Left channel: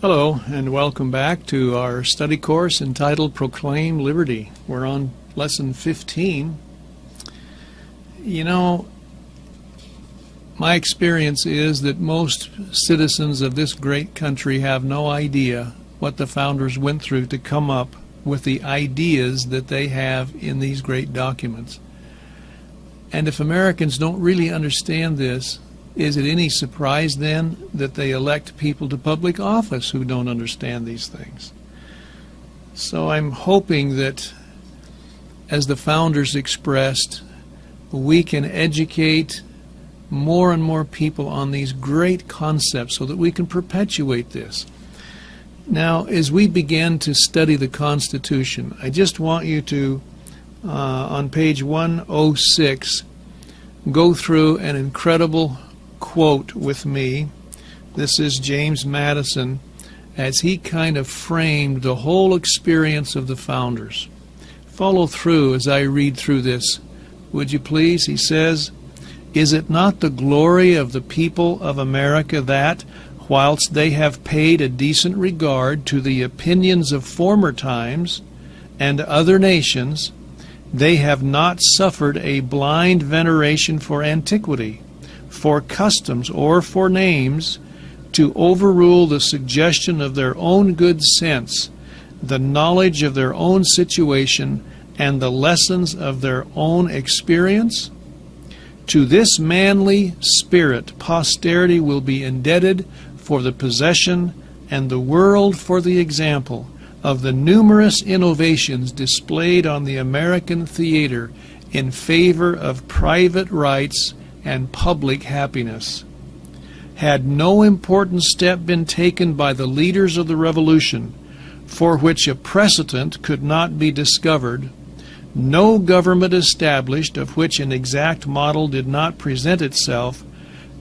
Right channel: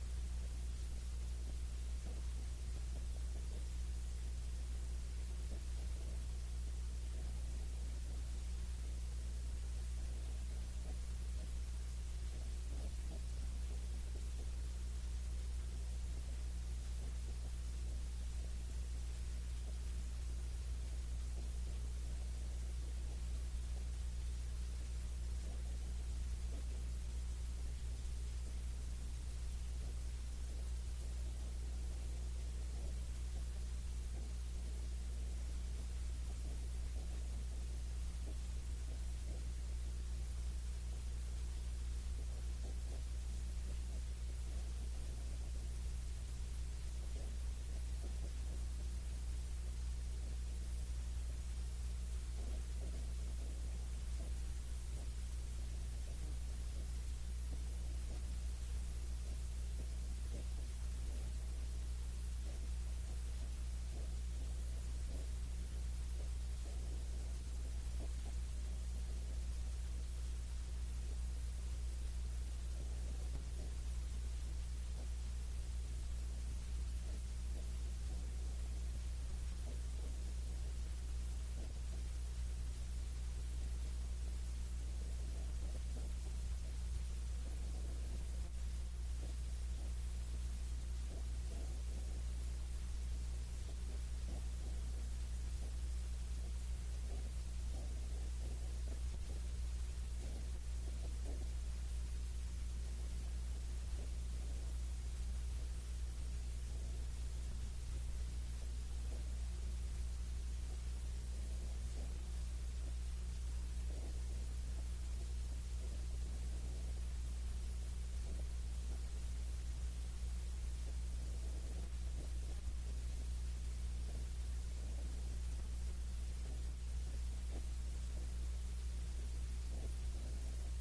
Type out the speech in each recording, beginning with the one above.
Hello, and welcome back to our study course entitled Proclaim Liberty. We're on lesson 15. You know, my experience is that most citizens of this great country have no idea what the founders went through to come up with the ideas that they have in these great documents. And if Americans don't really understand this, is it any surprise then that they elect people to public office who don't understand these things? So I'm hoping that, as the founders expressed, we can educate more and more people on these great concepts so that we can perpetuate this. Now, as we begin to study the Constitution, I just want you to, on page 106, go through an incredible quote with me. This is James Madison as he kind of framed the whole experience of the founders. Follow through as I read through this, would you please? He says, "Is it not the glory of the people of America that, whilst they have paid a decent regard to the opinions of former times and other nations, they have not suffered a blind veneration for antiquity, for customs, or for names, to overrule the suggestion of their own good sense, the knowledge of their own situation, and the lessons of their own experience? To this manly spirit posterity will be indebted for the possession, and the world for the example, of the numerous innovations displayed on the American theater in favor of private rights and public happiness. Had no important step been taken by the leaders of the Revolution, for which a precedent could not be discovered, no government established of which an exact model did not present itself,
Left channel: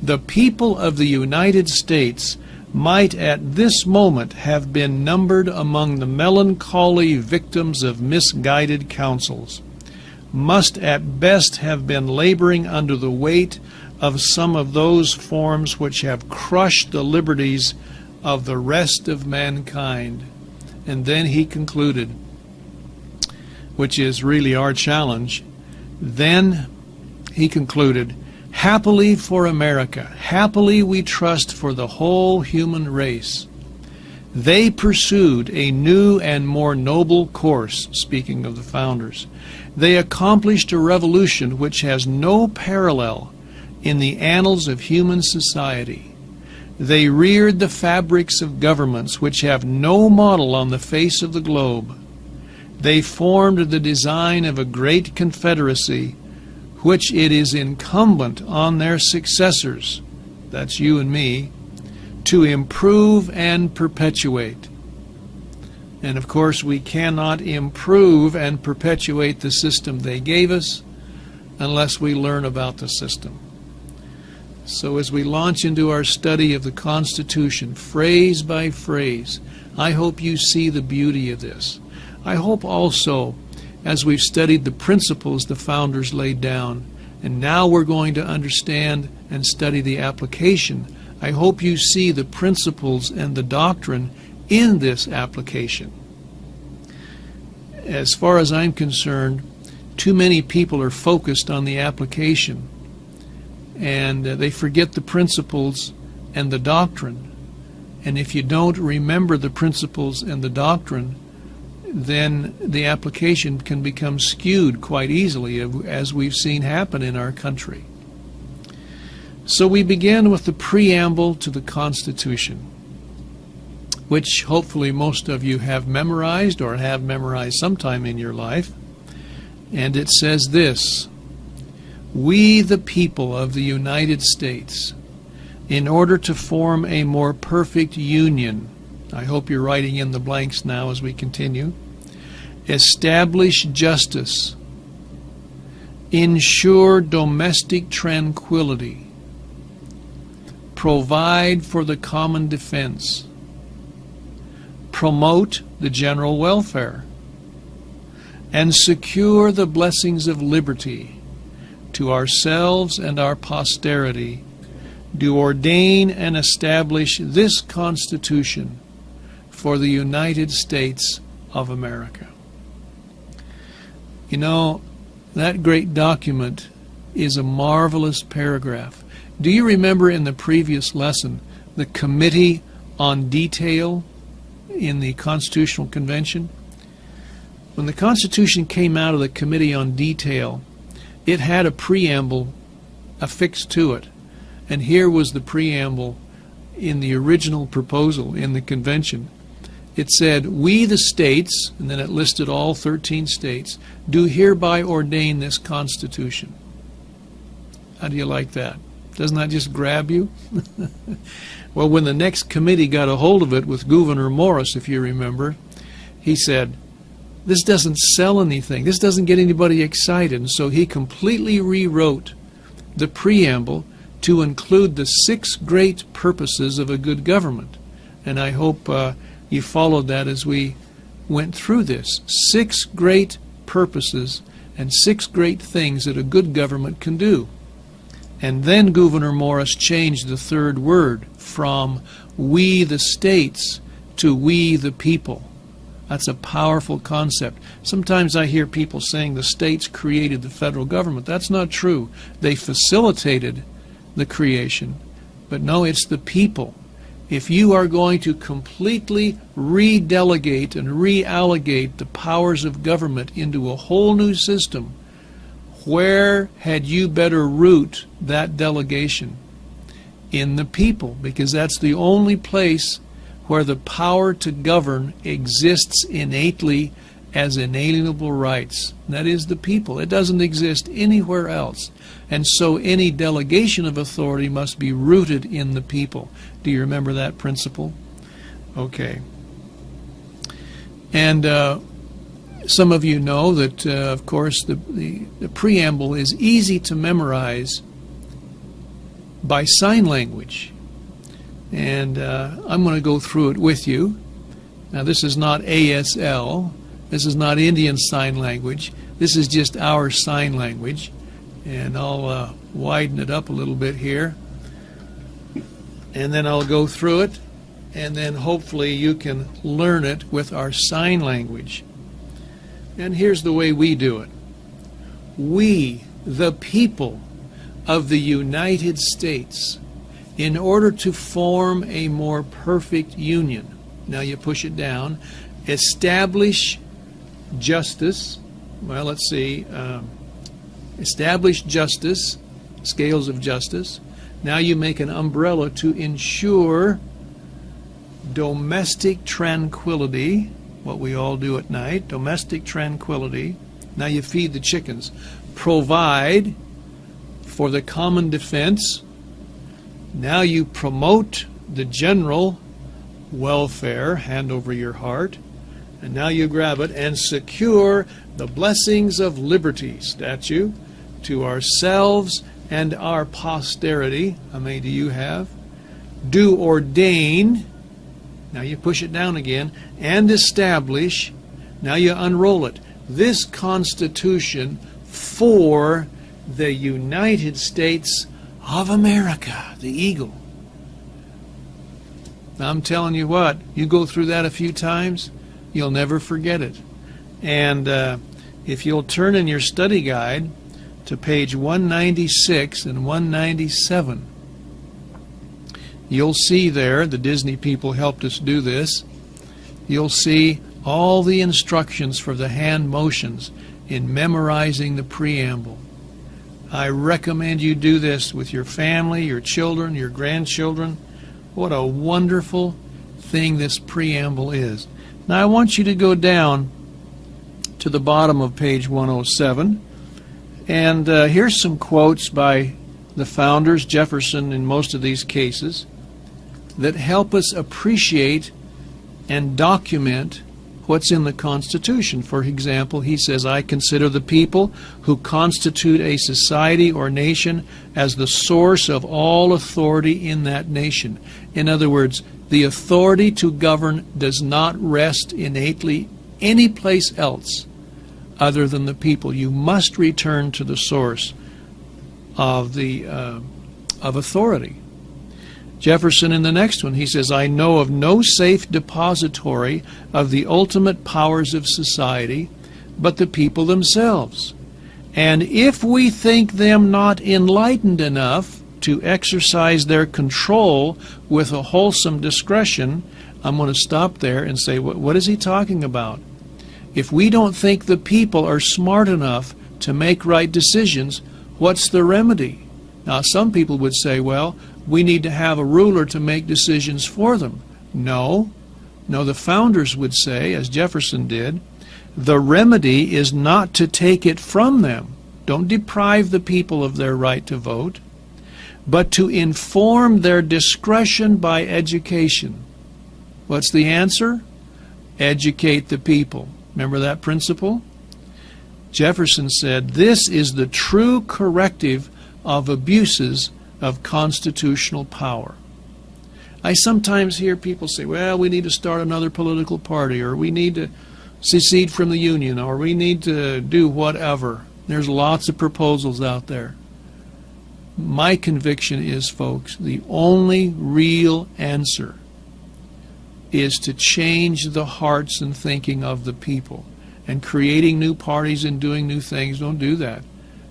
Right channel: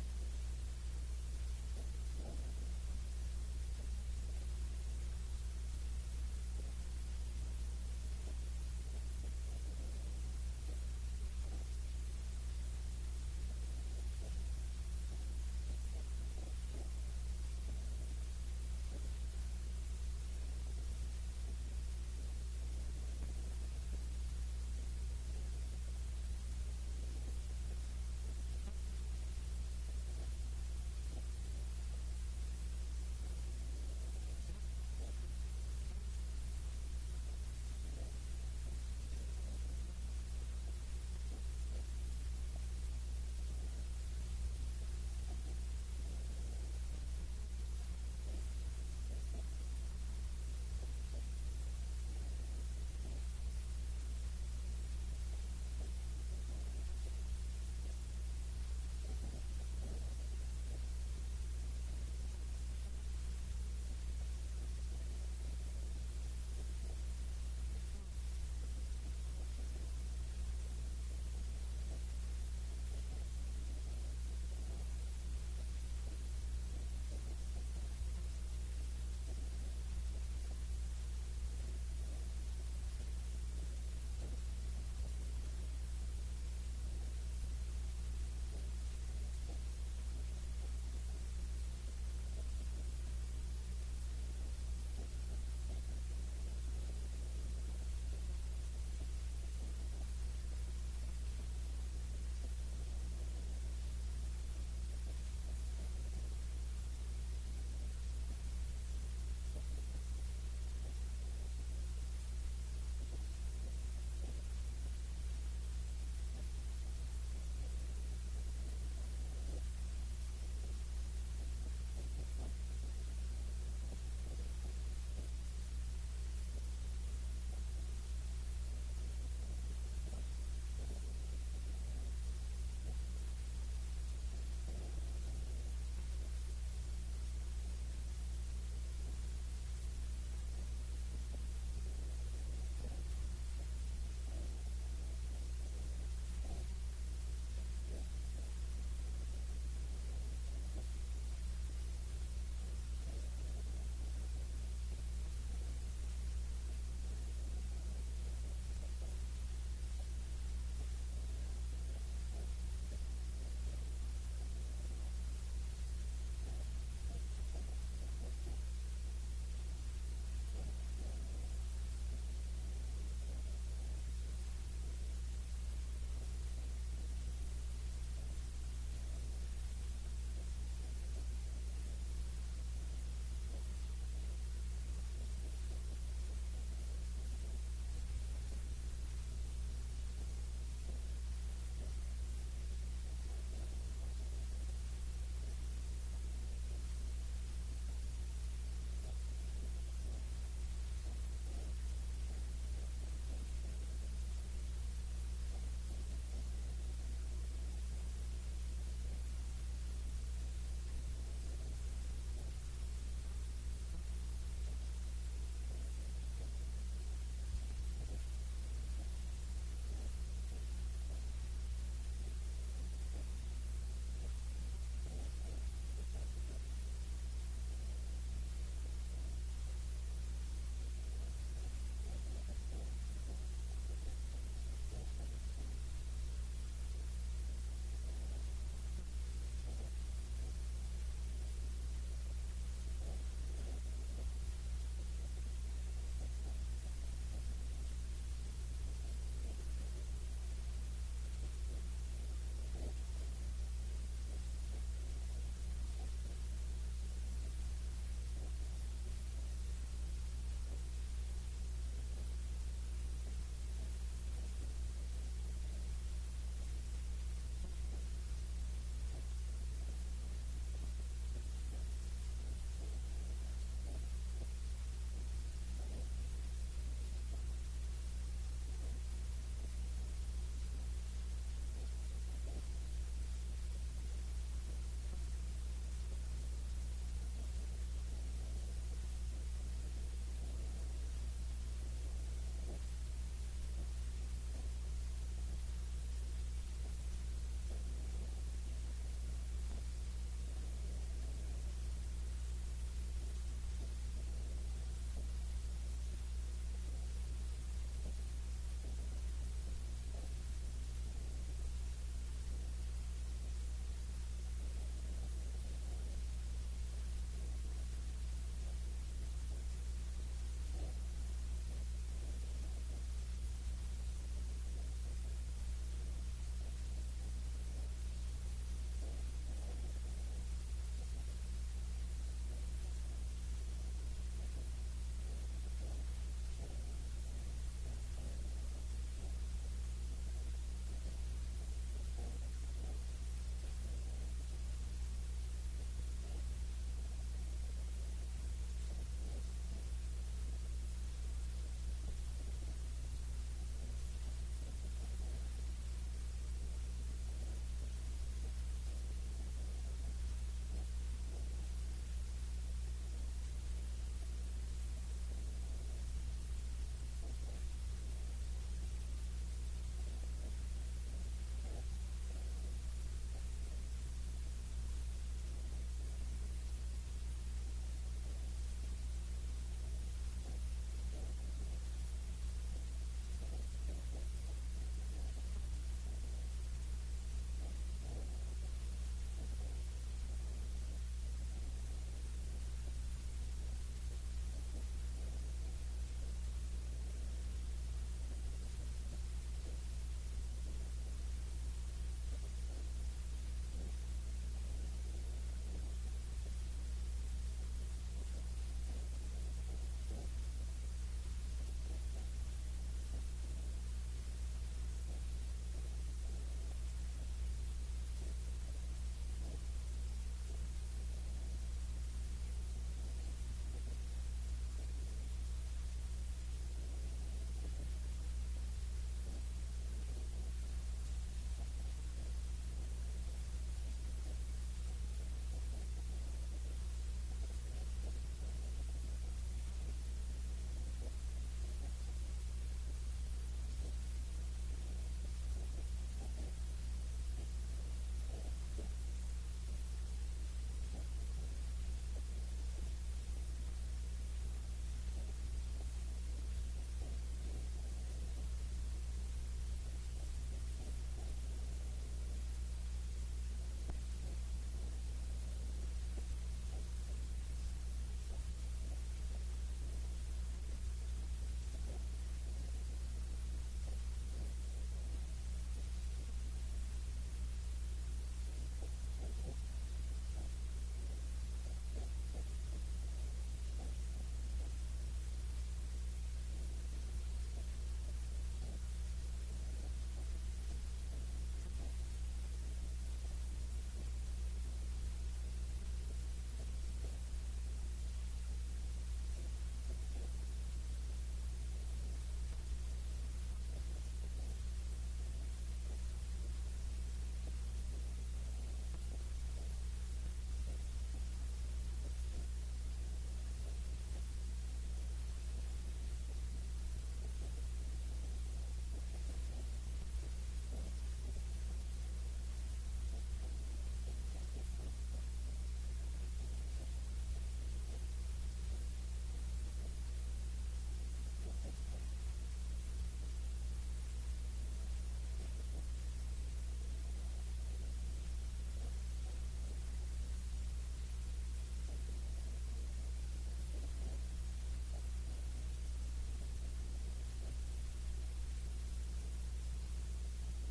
the people of the United States might at this moment have been numbered among the melancholy victims of misguided counsels, must at best have been laboring under the weight of some of those forms which have crushed the liberties of the rest of mankind." And then he concluded, which is really our challenge, then he concluded, "Happily for America, happily we trust for the whole human race, they pursued a new and more noble course," speaking of the founders. "They accomplished a revolution which has no parallel in the annals of human society. They reared the fabrics of governments which have no model on the face of the globe. They formed the design of a great confederacy which it is incumbent on their successors," that's you and me, "to improve and perpetuate." And of course we cannot improve and perpetuate the system they gave us unless we learn about the system. So as we launch into our study of the Constitution, phrase by phrase, I hope you see the beauty of this. I hope also, as we've studied the principles the founders laid down, and now we're going to understand and study the application, I hope you see the principles and the doctrine in this application. As far as I'm concerned, too many people are focused on the application, and they forget the principles and the doctrine. And if you don't remember the principles and the doctrine, then the application can become skewed quite easily, as we've seen happen in our country. So we begin with the preamble to the Constitution, which hopefully most of you have memorized or have memorized sometime in your life. And it says this: "We, the people of the United States, in order to form a more perfect union," I hope you're writing in the blanks now as we continue, "establish justice, ensure domestic tranquility, provide for the common defense, promote the general welfare, and secure the blessings of liberty to ourselves and our posterity, do ordain and establish this Constitution for the United States of America. You know, that great document is a marvelous paragraph. Do you remember in the previous lesson the Committee on Detail in the Constitutional Convention? When the Constitution came out of the Committee on Detail, it had a preamble affixed to it. And here was the preamble in the original proposal in the convention. It said, "We the states," and then it listed all 13 states, "do hereby ordain this Constitution." How do you like that? Doesn't that just grab you? Well, when the next committee got a hold of it with Gouverneur Morris, if you remember, he said, "This doesn't sell anything. This doesn't get anybody excited." And so he completely rewrote the preamble to include the 6 great purposes of a good government. And I hope you followed that as we went through this. 6 great purposes and 6 great things that a good government can do. And then Gouverneur Morris changed the 3rd word from "we the states" to "we the people." That's a powerful concept. Sometimes I hear people saying the states created the federal government. That's not true. They facilitated the creation, but no, it's the people. If you are going to completely redelegate and reallocate the powers of government into a whole new system, where had you better root that delegation? In the people, because that's the only place where the power to govern exists innately as inalienable rights. That is the people. It doesn't exist anywhere else. And so any delegation of authority must be rooted in the people. Do you remember that principle? Okay. And some of you know that, of course, the preamble is easy to memorize by sign language. And I'm going to go through it with you. Now, this is not ASL. This is not Indian Sign Language. This is just our sign language. And I'll widen it up a little bit here. And then I'll go through it. And then hopefully you can learn it with our sign language. And here's the way we do it. We, the people of the United States, in order to form a more perfect union. Now you push it down. Establish justice. Well, let's see. Establish justice, scales of justice. Now you make an umbrella to ensure domestic tranquility, what we all do at night, domestic tranquility. Now you feed the chickens. Provide for the common defense. Now you promote the general welfare, hand over your heart, and now you grab it, and secure the blessings of liberty, statue, to ourselves and our posterity. How many do you have? Do ordain, now you push it down again, and establish, now you unroll it, this Constitution for the United States of America, the eagle. Now I'm telling you what, you go through that a few times, you'll never forget it. And if you'll turn in your study guide to page 196 and 197, you'll see there, the Disney people helped us do this, you'll see all the instructions for the hand motions in memorizing the preamble. I recommend you do this with your family, your children, your grandchildren. What a wonderful thing this preamble is. Now I want you to go down to the bottom of page 107, and here's some quotes by the founders, Jefferson in most of these cases, that help us appreciate and document what's in the Constitution. For example, he says, "I consider the people who constitute a society or nation as the source of all authority in that nation." In other words, the authority to govern does not rest innately any place else other than the people. You must return to the source of the of authority. Jefferson in the next one, he says, I know of no safe depository of the ultimate powers of society but the people themselves. And if we think them not enlightened enough to exercise their control with a wholesome discretion, I'm going to stop there and say, what is he talking about? If we don't think the people are smart enough to make right decisions, what's the remedy? Now, some people would say, well, we need to have a ruler to make decisions for them. No, the founders would say, as Jefferson did, the remedy is not to take it from them. Don't deprive the people of their right to vote, but to inform their discretion by education. What's the answer? Educate the people. Remember that principle? Jefferson said, this is the true corrective of abuses of constitutional power. I sometimes hear people say, well, we need to start another political party, or we need to secede from the Union, or we need to do whatever. There's lots of proposals out there. My conviction is, folks, the only real answer is to change the hearts and thinking of the people. And creating new parties and doing new things don't do that,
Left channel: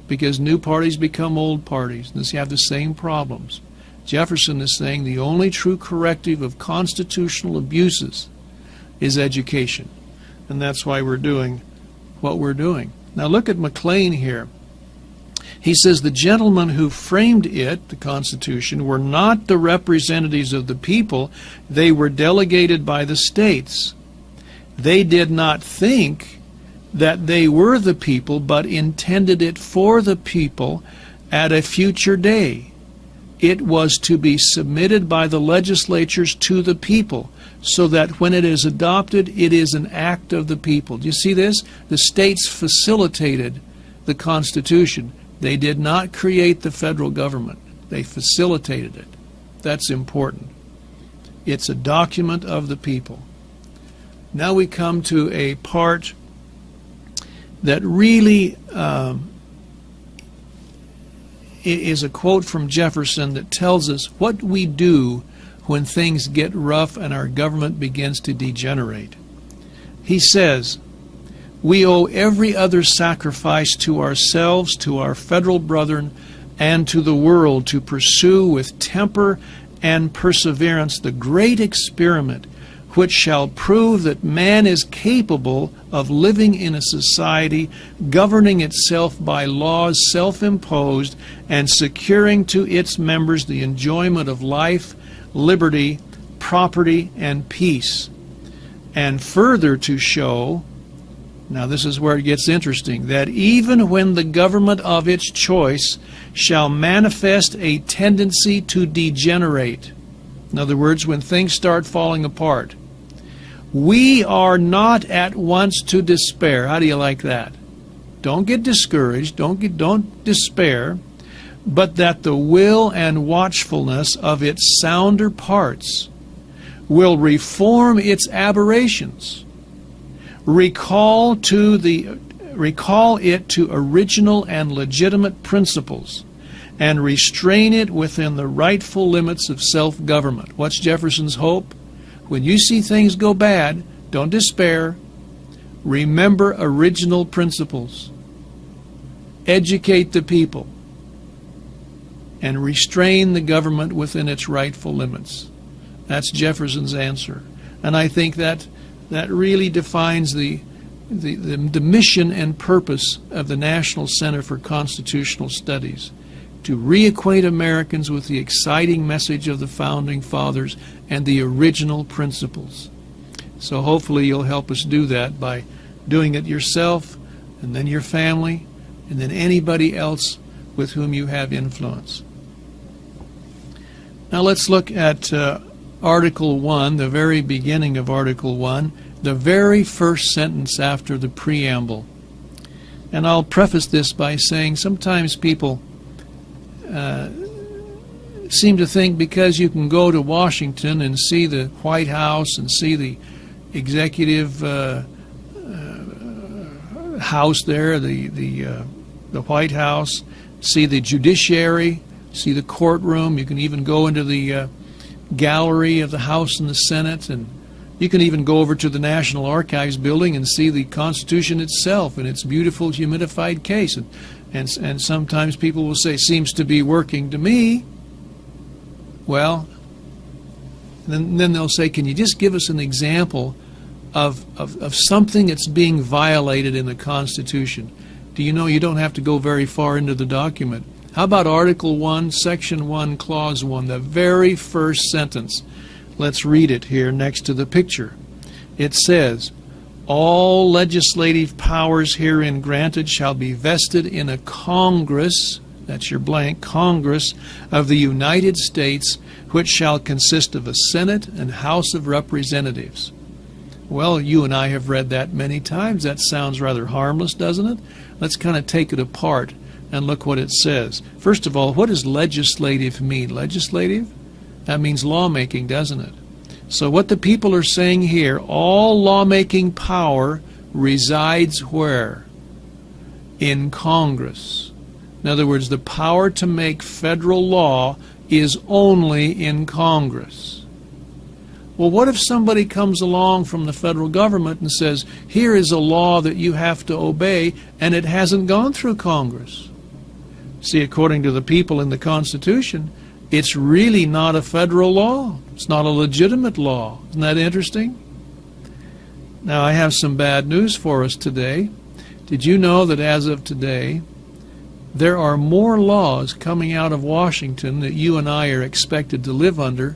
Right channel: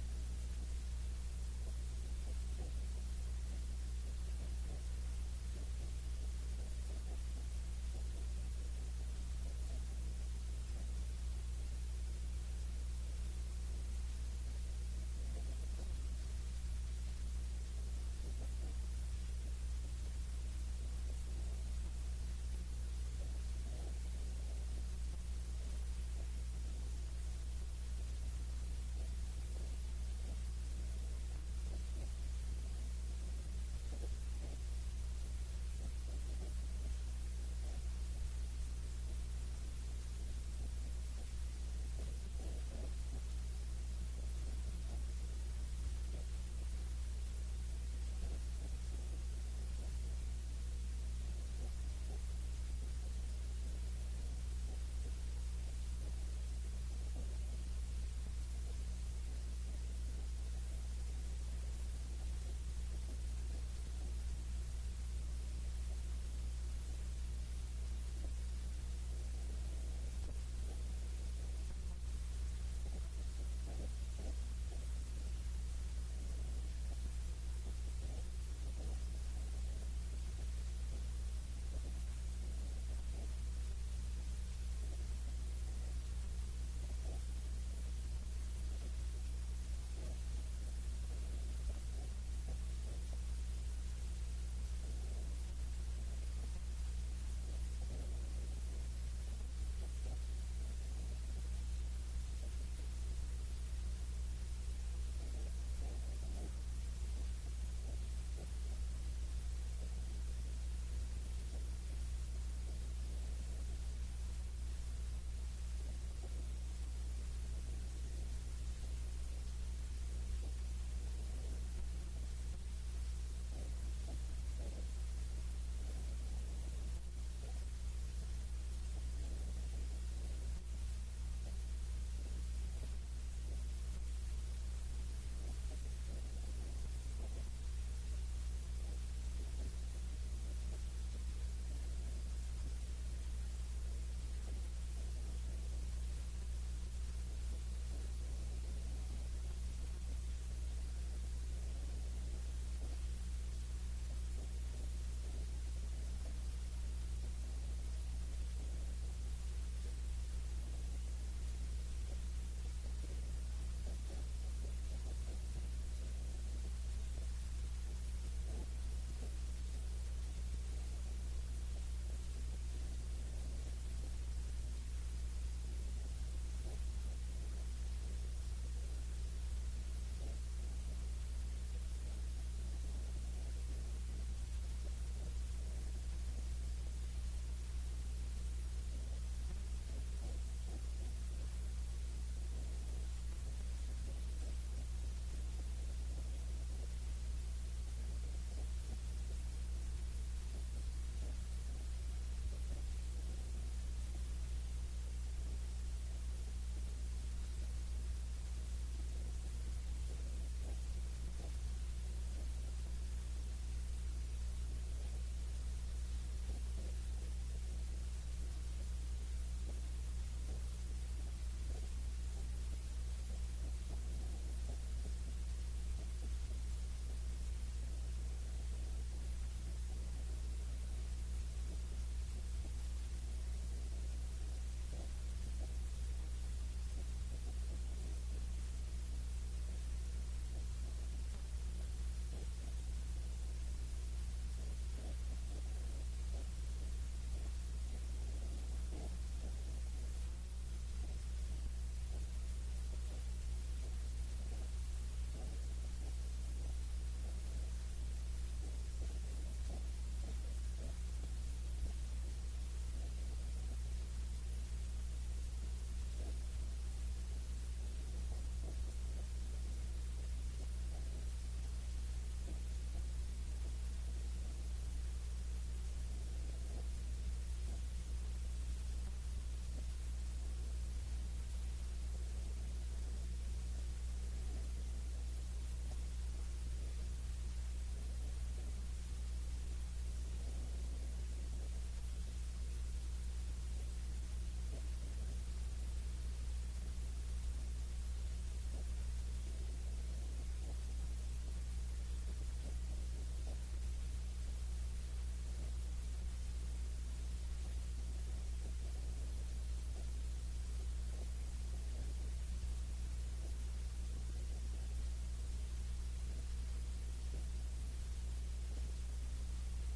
because new parties become old parties and they have the same problems. Jefferson is saying the only true corrective of constitutional abuses is education. And that's why we're doing what we're doing. Now look at McLean here. He says the gentlemen who framed it, the Constitution, were not the representatives of the people. They were delegated by the states. They did not think that they were the people, but intended it for the people at a future day. It was to be submitted by the legislatures to the people, so that when it is adopted, it is an act of the people. Do you see this? The states facilitated the Constitution. They did not create the federal government. They facilitated it. That's important. It's a document of the people. Now we come to a part that really is a quote from Jefferson that tells us what we do when things get rough and our government begins to degenerate. He says, we owe every other sacrifice to ourselves, to our federal brethren, and to the world to pursue with temper and perseverance the great experiment which shall prove that man is capable of living in a society governing itself by laws self-imposed and securing to its members the enjoyment of life, liberty, property, and peace. And further to show, now this is where it gets interesting, that even when the government of its choice shall manifest a tendency to degenerate, in other words, when things start falling apart, we are not at once to despair. How do you like that? Don't get discouraged, don't despair, but that the will and watchfulness of its sounder parts will reform its aberrations, recall it to original and legitimate principles, and restrain it within the rightful limits of self-government. What's Jefferson's hope? When you see things go bad, don't despair. Remember original principles. Educate the people. And restrain the government within its rightful limits. That's Jefferson's answer. And I think that really defines the mission and purpose of the National Center for Constitutional Studies, to reacquaint Americans with the exciting message of the Founding Fathers and the original principles. So hopefully you'll help us do that by doing it yourself, and then your family, and then anybody else with whom you have influence. Now let's look at Article 1, the very beginning of Article 1, the very first sentence after the preamble. And I'll preface this by saying sometimes people seem to think because you can go to Washington and see the White House and see the executive house there, the White House, see the judiciary, see the courtroom. You can even go into the gallery of the House and the Senate, and you can even go over to the National Archives building and see the Constitution itself in its beautiful humidified case. And sometimes people will say, seems to be working to me. Well, then they'll say, can you just give us an example of something that's being violated in the Constitution? Do you know you don't have to go very far into the document? How about Article 1, Section 1, Clause 1, the very first sentence? Let's read it here next to the picture. It says, all legislative powers herein granted shall be vested in a Congress, that's your blank, Congress of the United States, which shall consist of a Senate and House of Representatives. Well, you and I have read that many times. That sounds rather harmless, doesn't it? Let's kind of take it apart and look what it says. First of all, what does legislative mean? Legislative? That means lawmaking, doesn't it? So what the people are saying here, all lawmaking power resides where? In Congress. In other words, the power to make federal law is only in Congress. Well, what if somebody comes along from the federal government and says, here is a law that you have to obey, and it hasn't gone through Congress? See, according to the people in the Constitution, it's really not a federal law. It's not a legitimate law. Isn't that interesting? Now, I have some bad news for us today. Did you know that as of today, there are more laws coming out of Washington that you and I are expected to live under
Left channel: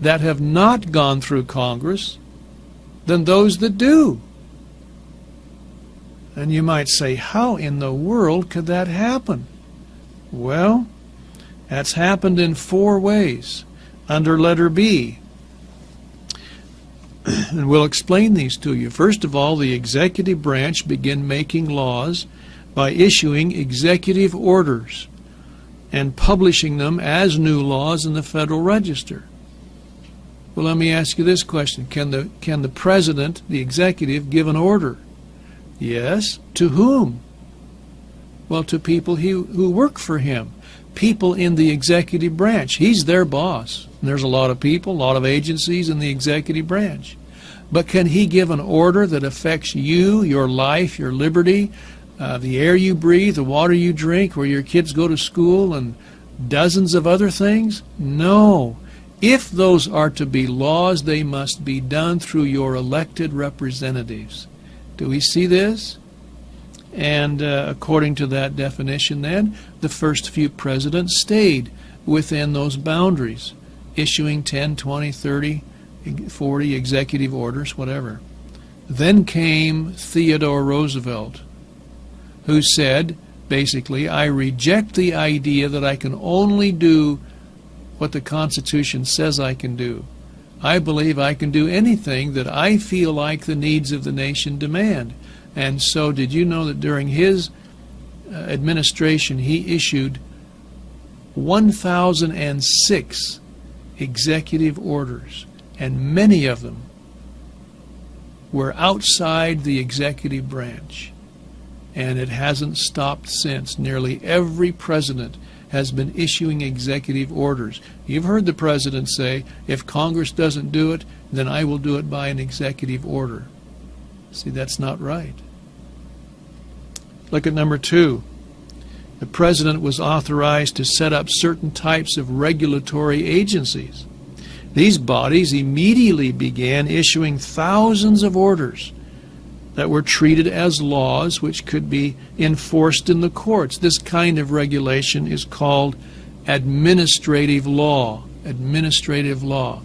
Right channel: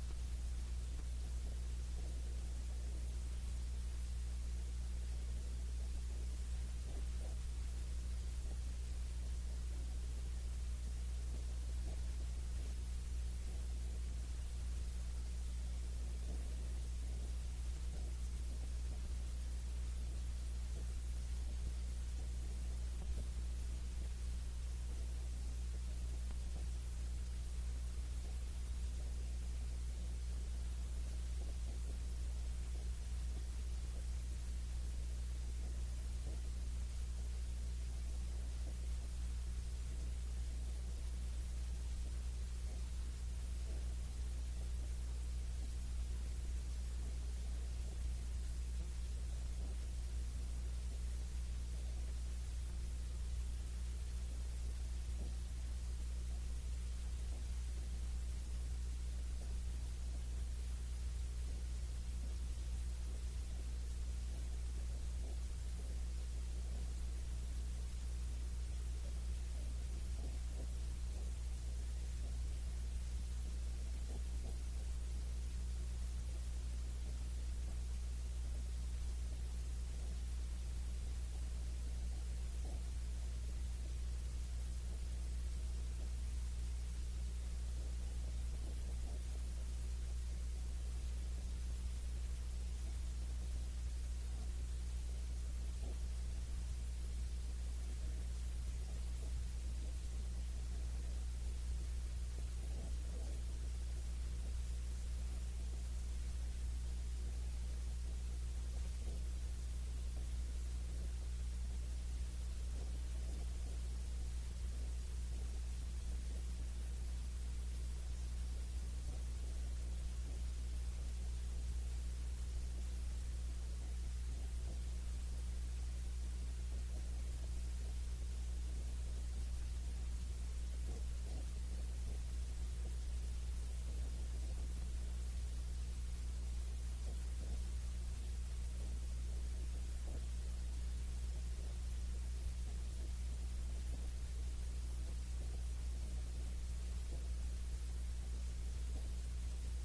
that have not gone through Congress than those that do? And you might say, how in the world could that happen? Well, that's happened in 4 ways under letter B. And we'll explain these to you. First of all, the executive branch began making laws by issuing executive orders and publishing them as new laws in the Federal Register. Well, let me ask you this question. Can the president, the executive, give an order? Yes. To whom? Well, to people who work for him. People in the executive branch. He's their boss. And there's a lot of people, a lot of agencies in the executive branch. But can he give an order that affects you, your life, your liberty, the air you breathe, the water you drink, where your kids go to school, and dozens of other things? No. If those are to be laws, they must be done through your elected representatives. Do we see this? And according to that definition then, the first few presidents stayed within those boundaries, issuing 10, 20, 30, 40 executive orders, whatever. Then came Theodore Roosevelt, who said, basically, I reject the idea that I can only do what the Constitution says I can do. I believe I can do anything that I feel like the needs of the nation demand. And so did you know that during his administration he issued 1,006 executive orders, and many of them were outside the executive branch. And it hasn't stopped since. Nearly every president has been issuing executive orders. You've heard the president say, if Congress doesn't do it, then I will do it by an executive order. See, that's not right. Look at number 2. The president was authorized to set up certain types of regulatory agencies. These bodies immediately began issuing thousands of orders that were treated as laws which could be enforced in the courts. This kind of regulation is called administrative law. Administrative law.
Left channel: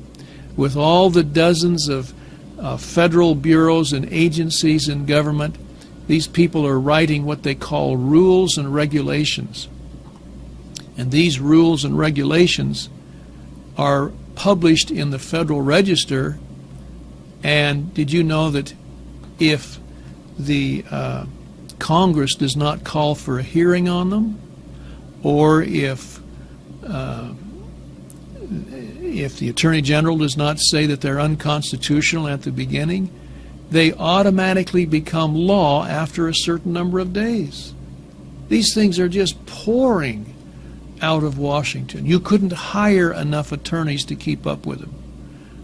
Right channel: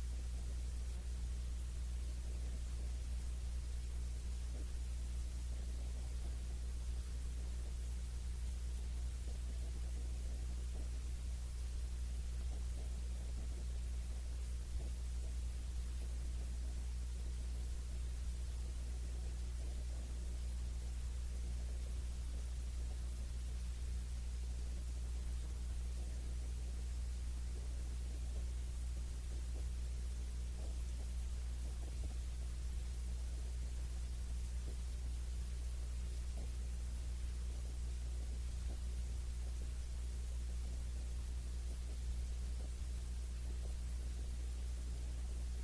With all the dozens of federal bureaus and agencies in government, these people are writing what they call rules and regulations. And these rules and regulations are published in the Federal Register. And did you know that if the Congress does not call for a hearing on them, or if the Attorney General does not say that they're unconstitutional at the beginning, they automatically become law after a certain number of days. These things are just pouring out of Washington. You couldn't hire enough attorneys to keep up with them.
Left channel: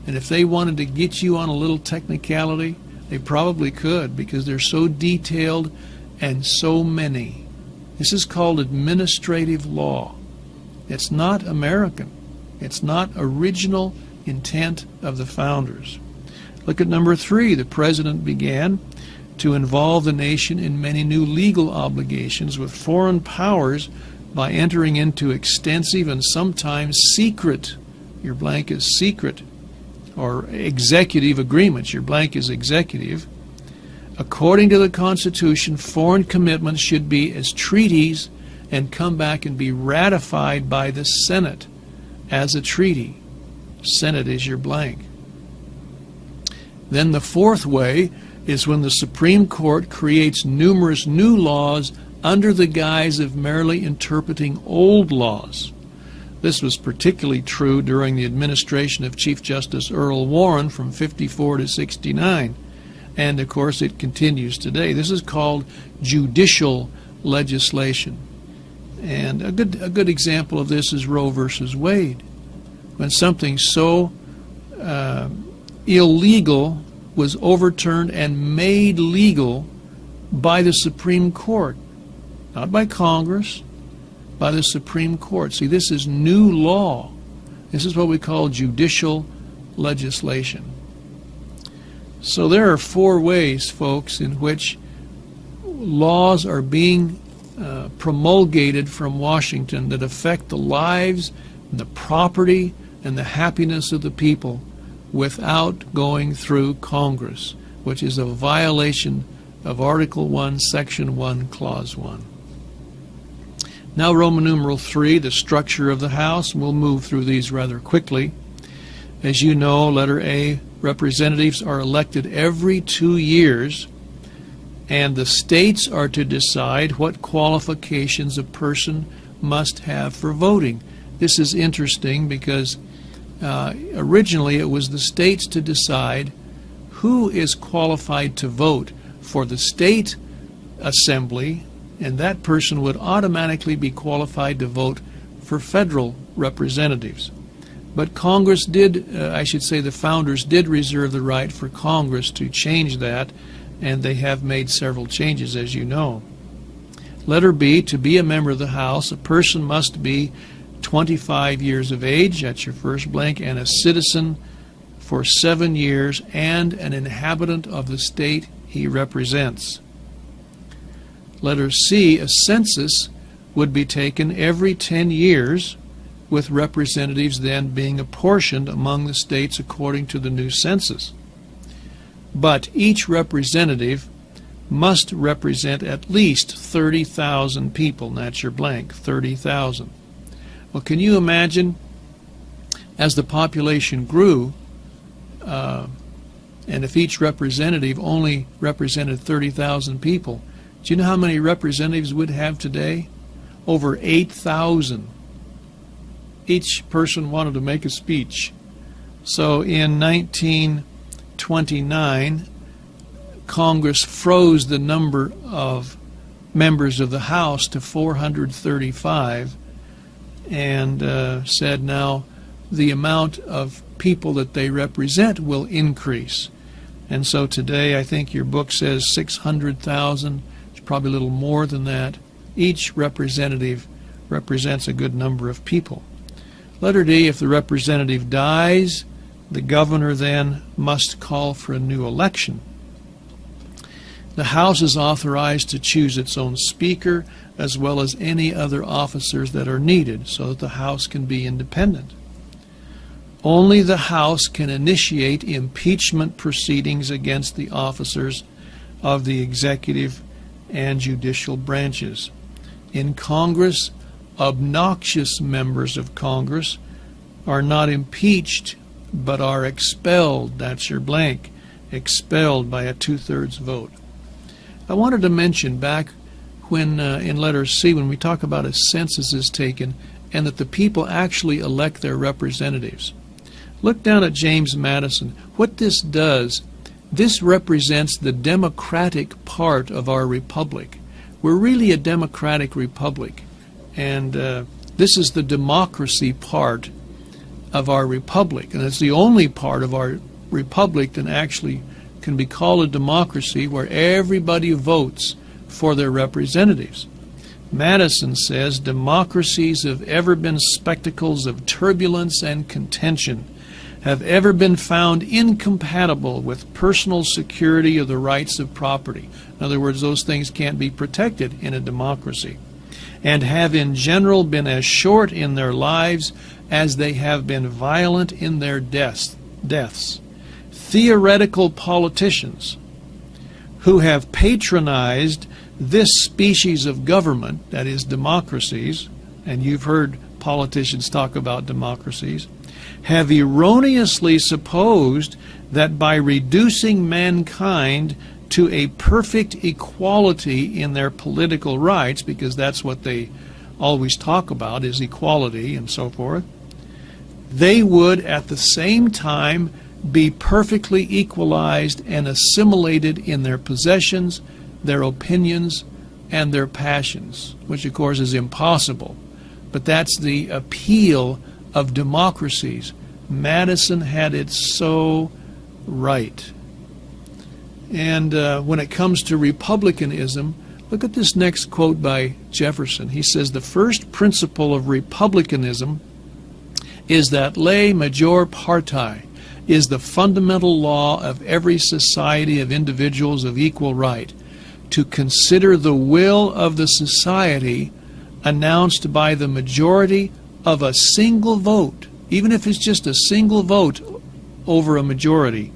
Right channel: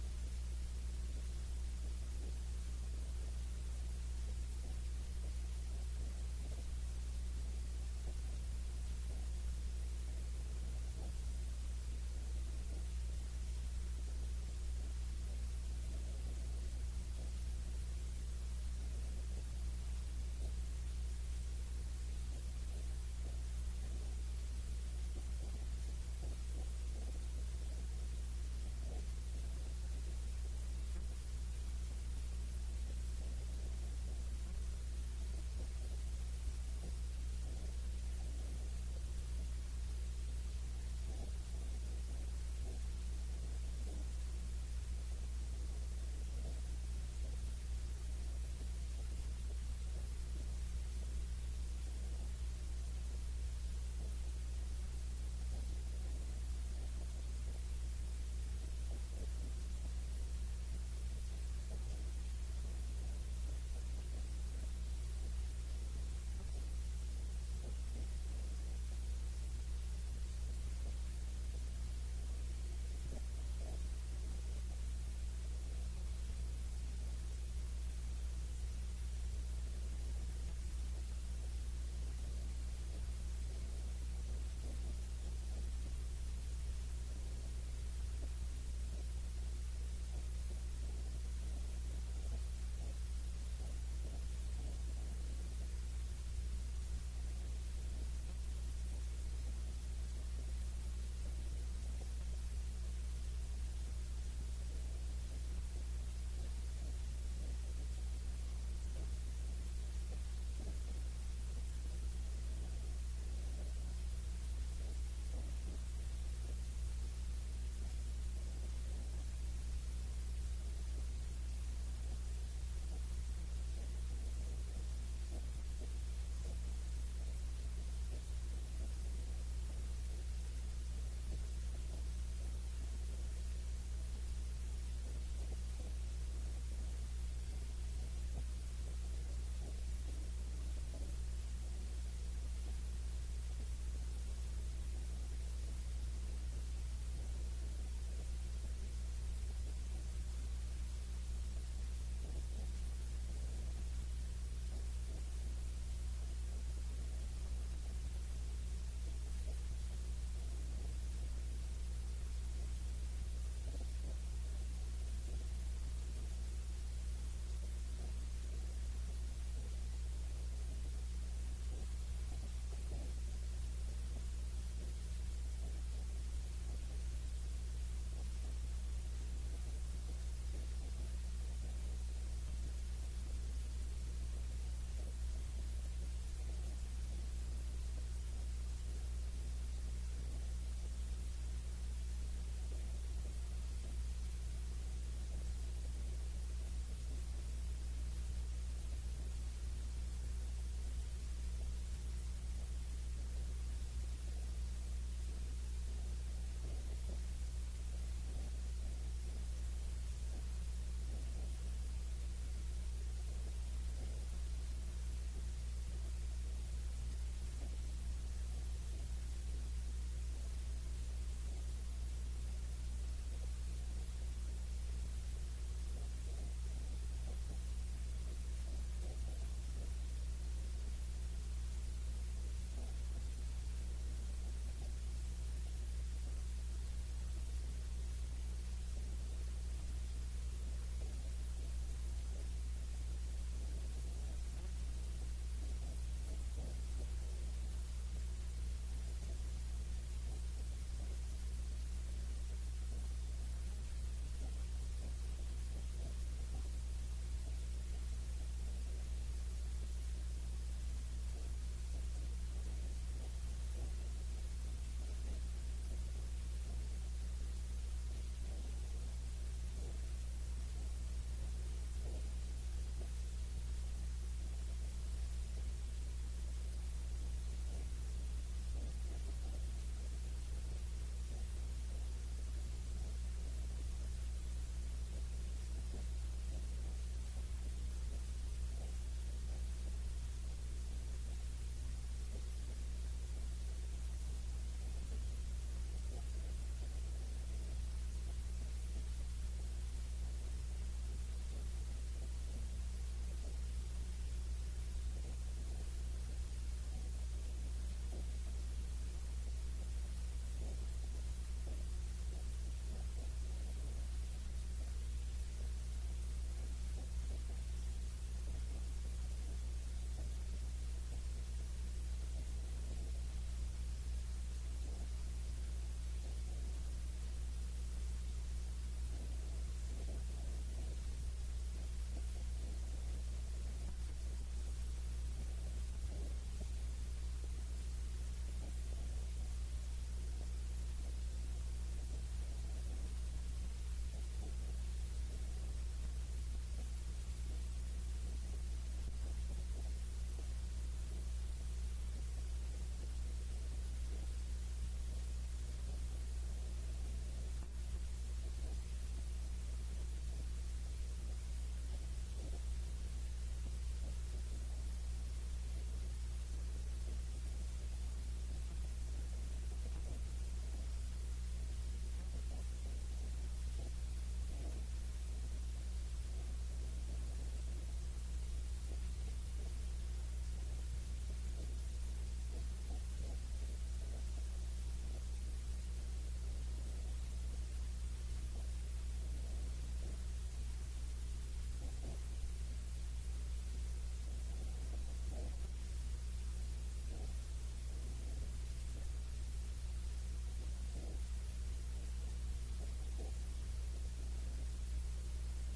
And if they wanted to get you on a little technicality, they probably could, because they're so detailed and so many. This is called administrative law. It's not American. It's not original intent of the founders. Look at number 3. The president began to involve the nation in many new legal obligations with foreign powers by entering into extensive and sometimes secret, your blank is secret, or executive agreements, your blank is executive. According to the Constitution, foreign commitments should be as treaties and come back and be ratified by the Senate as a treaty. Senate is your blank. Then the 4th way is when the Supreme Court creates numerous new laws under the guise of merely interpreting old laws. This was particularly true during the administration of Chief Justice Earl Warren from 54 to 69. And of course it continues today. This is called judicial legislation. And a good example of this is Roe versus Wade. When something so illegal was overturned and made legal by the Supreme Court, not by Congress, by the Supreme Court. See, this is new law. This is what we call judicial legislation. So there are 4 ways, folks, in which laws are being promulgated from Washington that affect the lives, the property, and the happiness of the people without going through Congress, which is a violation of Article 1, Section 1, Clause 1. Now Roman numeral 3, the structure of the House. We'll move through these rather quickly. As you know, letter A, representatives are elected every 2 years, and the states are to decide what qualifications a person must have for voting. This is interesting because originally it was the states to decide who is qualified to vote for the state assembly, and that person would automatically be qualified to vote for federal representatives. But Congress did, I should say the founders did reserve the right for Congress to change that, and they have made several changes, as you know. Letter B, to be a member of the House, a person must be 25 years of age, that's your first blank, and a citizen for 7 years, and an inhabitant of the state he represents. Letter C, a census would be taken every 10 years, with representatives then being apportioned among the states according to the new census. But each representative must represent at least 30,000 people, and that's your blank, 30,000. Well, can you imagine, as the population grew, and if each representative only represented 30,000 people, do you know how many representatives we'd have today? Over 8,000. Each person wanted to make a speech. So in 1929, Congress froze the number of members of the House to 435 and said now the amount of people that they represent will increase. And so today I think your book says 600,000. It's probably a little more than that. Each representative represents a good number of people. Letter D, if the representative dies, the governor then must call for a new election. The House is authorized to choose its own speaker as well as any other officers that are needed so that the House can be independent. Only the House can initiate impeachment proceedings against the officers of the executive and judicial branches. In Congress, obnoxious members of Congress are not impeached but are expelled. That's your blank. Expelled by a 2/3 vote. I wanted to mention back when in letter C, when we talk about a census is taken and that the people actually elect their representatives. Look down at James Madison. What this does, this represents the democratic part of our republic. We're really a democratic republic. And This is the democracy part of our republic, and it's the only part of our republic that actually can be called a democracy, where everybody votes for their representatives. Madison says, democracies have ever been spectacles of turbulence and contention, have ever been found incompatible with personal security of the rights of property. In other words, those things can't be protected in a democracy, and have in general been as short in their lives as they have been violent in their deaths. Theoretical politicians who have patronized this species of government, that is democracies, and you've heard politicians talk about democracies, have erroneously supposed that by reducing mankind to a perfect equality in their political rights, because that's what they always talk about, is equality and so forth, they would at the same time be perfectly equalized and assimilated in their possessions, their opinions, and their passions, which of course is impossible. But that's the appeal of democracies. Madison had it so right. And when it comes to republicanism, look at this next quote by Jefferson. He says, the first principle of republicanism is that lei major parti is the fundamental law of every society of individuals of equal right, to consider the will of the society announced by the majority of a single vote, even if it's just a single vote over a majority,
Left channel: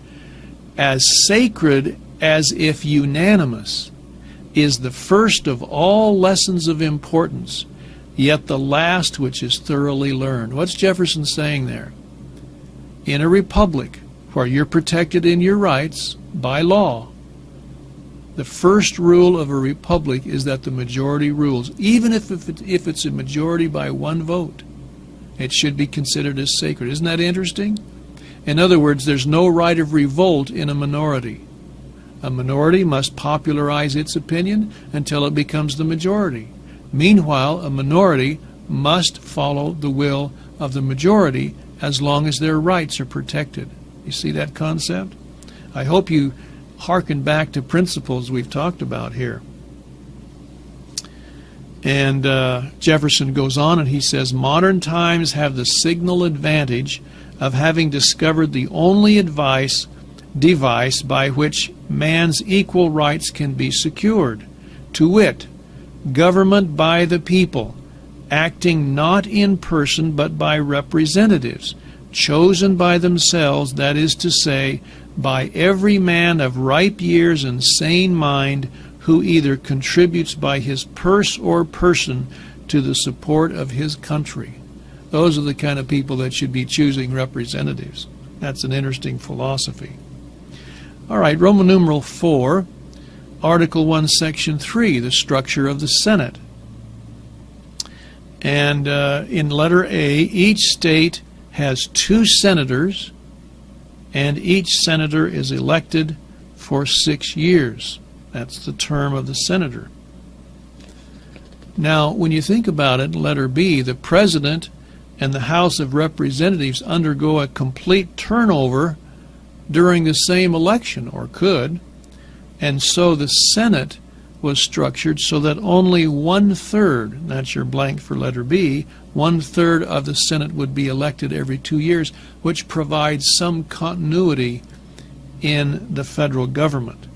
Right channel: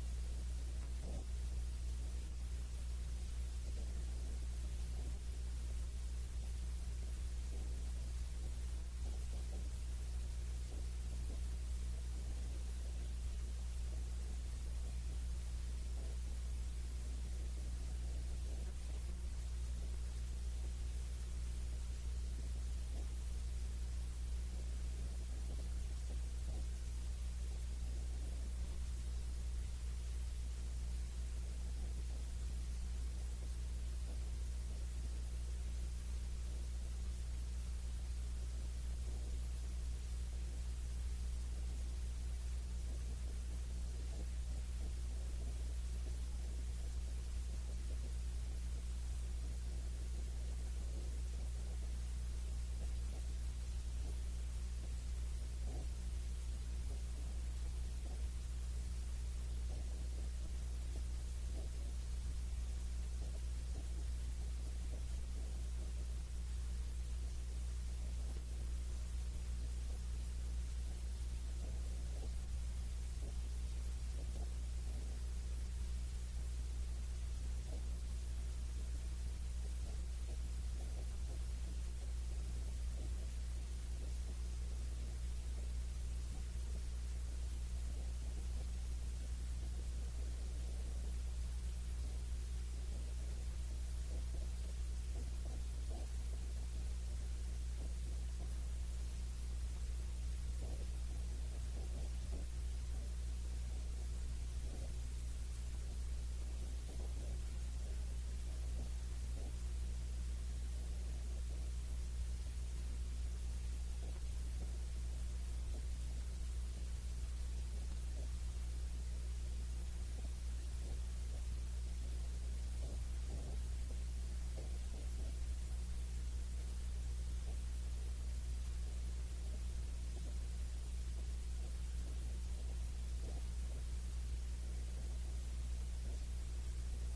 as sacred as if unanimous, is the first of all lessons of importance, yet the last which is thoroughly learned. What's Jefferson saying there? In a republic where you're protected in your rights by law, the first rule of a republic is that the majority rules, even if it's a majority by one vote. It should be considered as sacred. Isn't that interesting? In other words, there's no right of revolt in a minority. A minority must popularize its opinion until it becomes the majority. Meanwhile, a minority must follow the will of the majority as long as their rights are protected. You see that concept? I hope you hearken back to principles we've talked about here. And Jefferson goes on and he says, modern times have the signal advantage of having discovered the only device by which man's equal rights can be secured, to wit, government by the people, acting not in person but by representatives, chosen by themselves, that is to say, by every man of ripe years and sane mind, who either contributes by his purse or person to the support of his country. Those are the kind of people that should be choosing representatives. That's an interesting philosophy. All right, Roman numeral 4, Article 1, Section 3, the structure of the Senate. And in letter A, each state has 2 senators, and each senator is elected for 6 years. That's the term of the senator. Now, when you think about it, letter B, the president and the House of Representatives undergo a complete turnover during the same election, or could, and so the Senate was structured so that only 1/3, that's your blank for letter B, 1/3 of the Senate would be elected every 2 years, which provides some continuity in the federal government.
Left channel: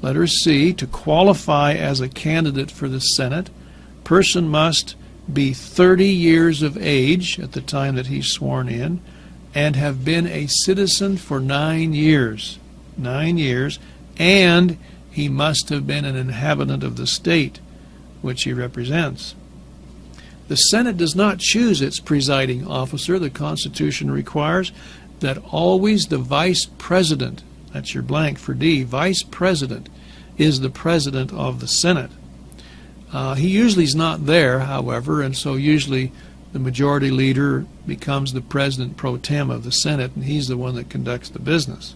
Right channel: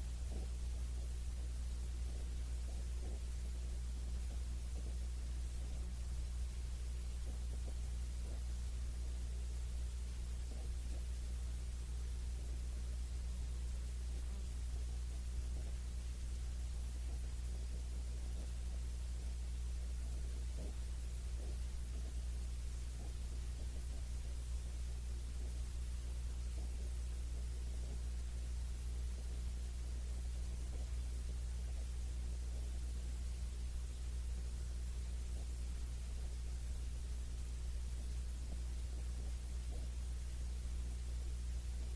Letter C, to qualify as a candidate for the Senate, person must be 30 years of age at the time that he's sworn in, and have been a citizen for 9 years. 9 years, and he must have been an inhabitant of the state which he represents. The Senate does not choose its presiding officer. The Constitution requires that always the vice president, that's your blank for D, vice president, is the president of the Senate. He usually is not there, however, and so usually the majority leader becomes the president pro tem of the Senate, and he's the one that conducts the business.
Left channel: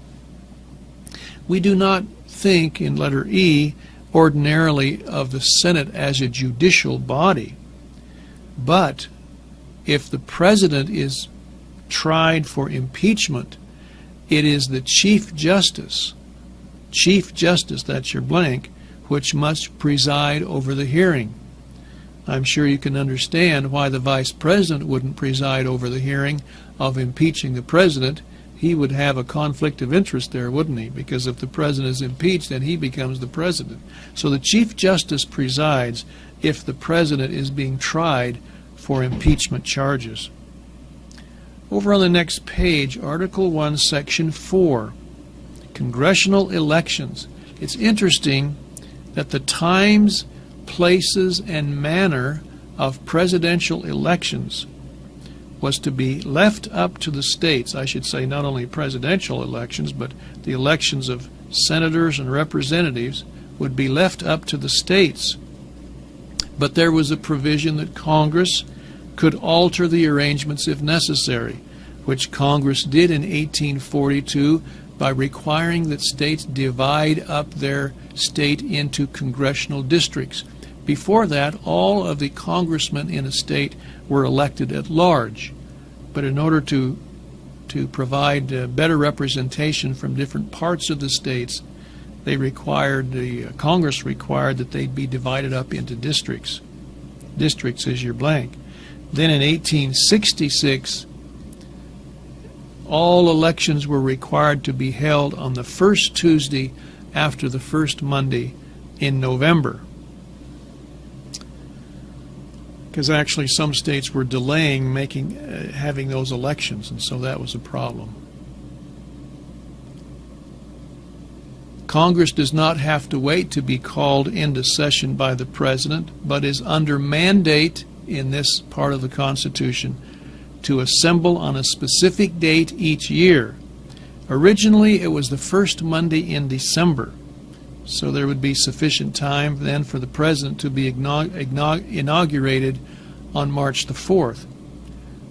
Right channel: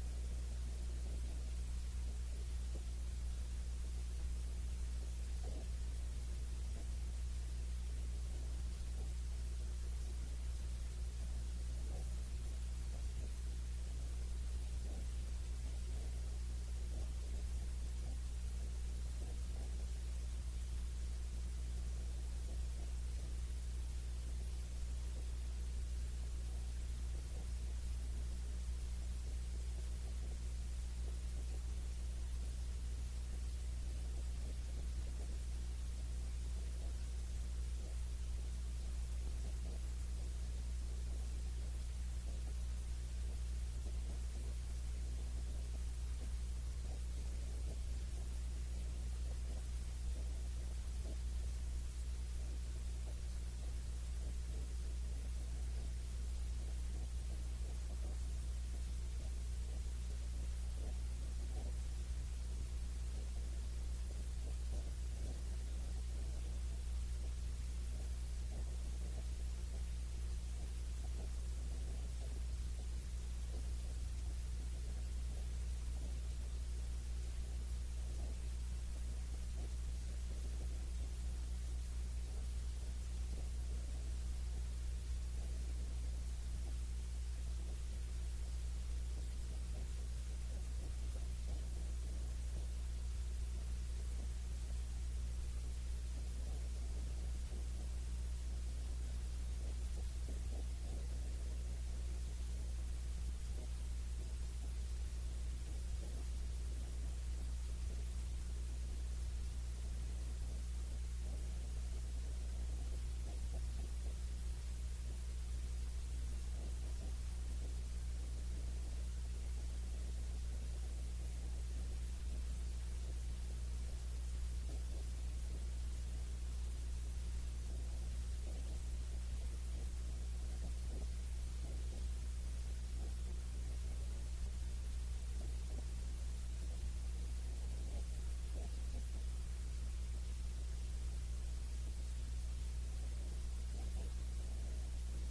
We do not think, in letter E, ordinarily of the Senate as a judicial body. But if the president is tried for impeachment, it is the Chief Justice, that's your blank, which must preside over the hearing. I'm sure you can understand why the Vice President wouldn't preside over the hearing of impeaching the President. He would have a conflict of interest there, wouldn't he? Because if the President is impeached, then he becomes the President. So the Chief Justice presides if the President is being tried for impeachment charges. Over on the next page, Article 1, Section 4, Congressional Elections. It's interesting that the times, places, and manner of presidential elections was to be left up to the states. I should say not only presidential elections, but the elections of senators and representatives would be left up to the states. But there was a provision that Congress could alter the arrangements if necessary, which Congress did in 1842 by requiring that states divide up their state into congressional districts. Before that, all of the congressmen in a state were elected at large. But in order to provide better representation from different parts of the states, Congress required that they be divided up into districts. Districts is your blank. Then in 1866, all elections were required to be held on the first Tuesday after the first Monday in November. Because actually some states were delaying having those elections, and so that was a problem. Congress does not have to wait to be called into session by the President, but is under mandate in this part of the Constitution to assemble on a specific date each year. Originally, it was the first Monday in December, so there would be sufficient time then for the President to be inaugurated on March the 4th.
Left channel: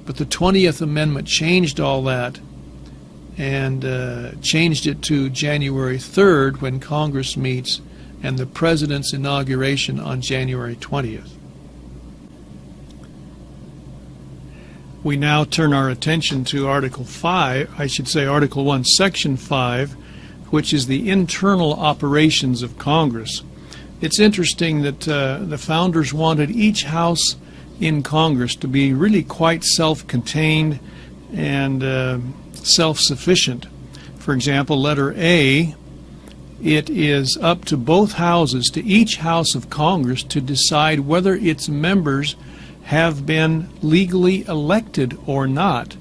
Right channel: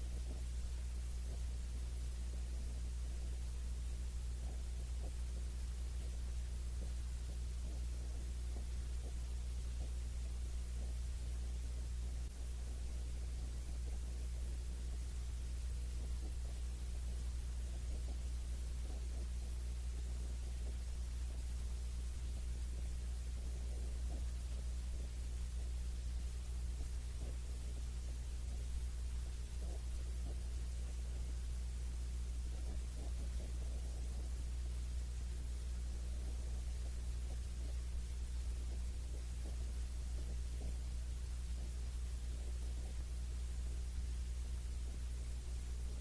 But the 20th Amendment changed all that and changed it to January 3rd when Congress meets, and the President's inauguration on January 20th. We now turn our attention to Article 1, Section 5, which is the internal operations of Congress. It's interesting that the founders wanted each house in Congress to be really quite self-contained and self-sufficient. For example, letter A, it is up to both houses, to each house of Congress, to decide whether its members have been legally elected or not.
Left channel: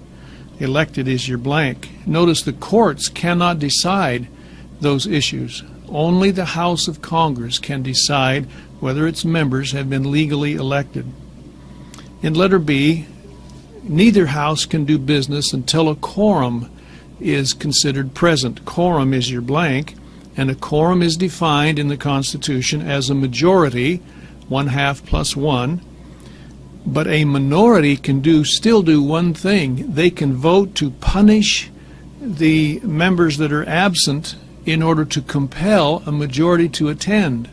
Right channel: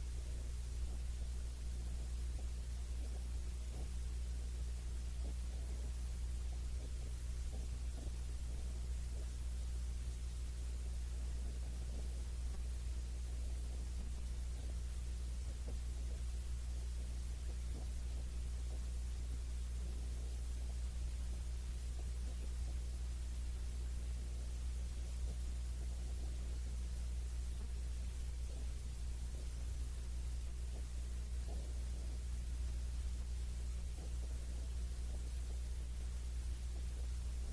Elected is your blank. Notice the courts cannot decide those issues. Only the House of Congress can decide whether its members have been legally elected. In letter B, neither house can do business until a quorum is considered present. Quorum is your blank, and a quorum is defined in the Constitution as a majority, 1/2 plus 1. But a minority can still do one thing. They can vote to punish the members that are absent in order to compel a majority to attend.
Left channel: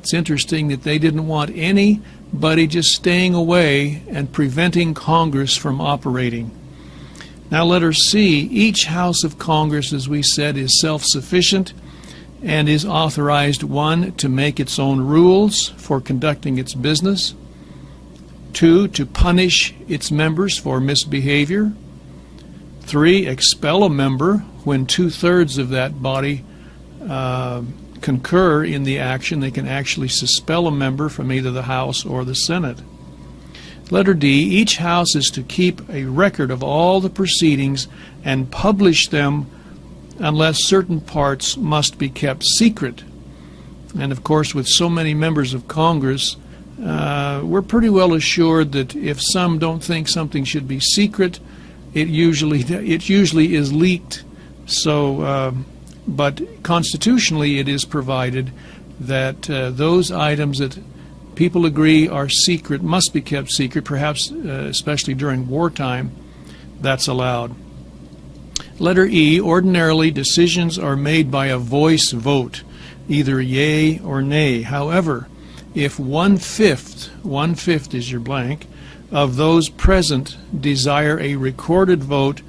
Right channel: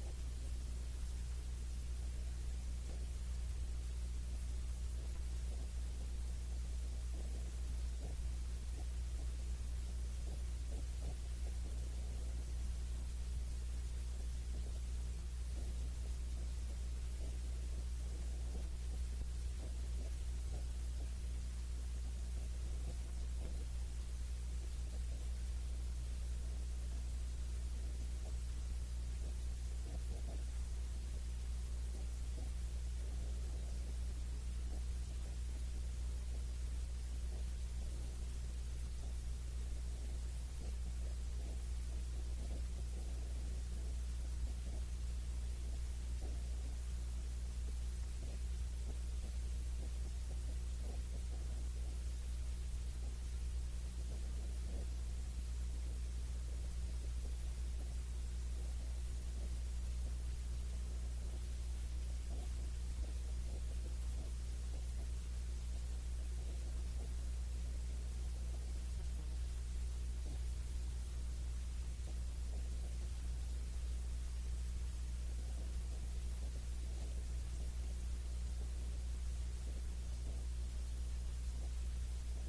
It's interesting that they didn't want anybody just staying away and preventing Congress from operating. Now letter C, each House of Congress, as we said, is self-sufficient and is authorized, 1, to make its own rules for conducting its business, 2, to punish its members for misbehavior, 3, expel a member when 2/3 of that body concur in the action. They can actually suspend a member from either the House or the Senate. Letter D, each House is to keep a record of all the proceedings and publish them unless certain parts must be kept secret. And of course, with so many members of Congress, we're pretty well assured that if some don't think something should be secret, it usually is leaked. So, but constitutionally, it is provided that those items that people agree are secret must be kept secret, perhaps especially during wartime. That's allowed. Letter E, ordinarily decisions are made by a voice vote, either yea or nay. However, if 1/5 is your blank, of those present desire a recorded vote,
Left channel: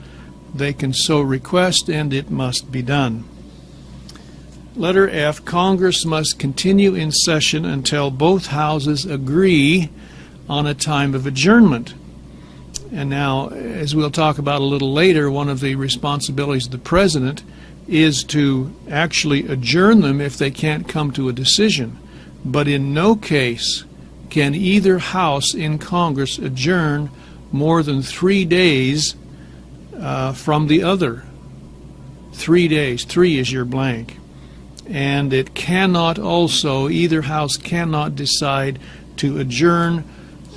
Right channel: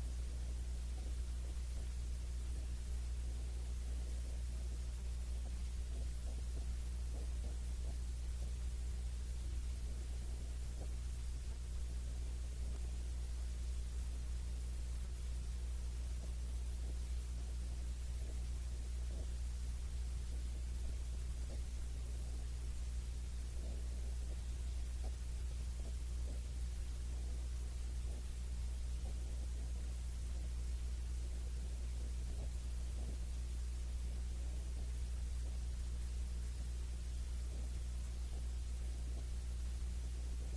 they can so request, and it must be done. Letter F, Congress must continue in session until both houses agree on a time of adjournment. And now, as we'll talk about a little later, one of the responsibilities of the President is to actually adjourn them if they can't come to a decision. But in no case can either house in Congress adjourn more than 3 days from the other. 3 days. 3 is your blank. And it cannot also, either house cannot decide to adjourn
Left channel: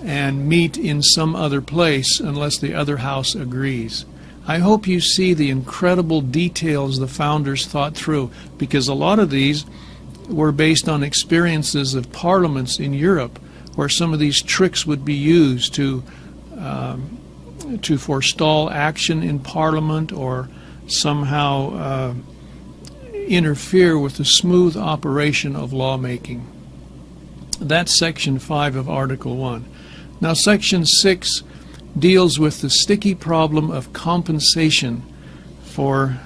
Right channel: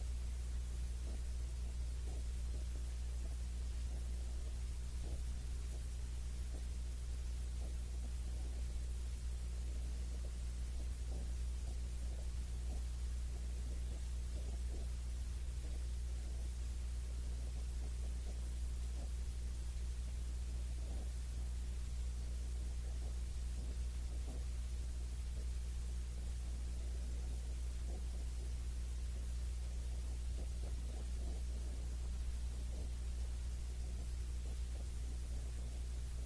and meet in some other place unless the other house agrees. I hope you see the incredible details the founders thought through, because a lot of these were based on experiences of parliaments in Europe where some of these tricks would be used to forestall action in Parliament or somehow interfere with the smooth operation of lawmaking. That's Section 5 of Article 1. Now, Section 6 deals with the sticky problem of compensation for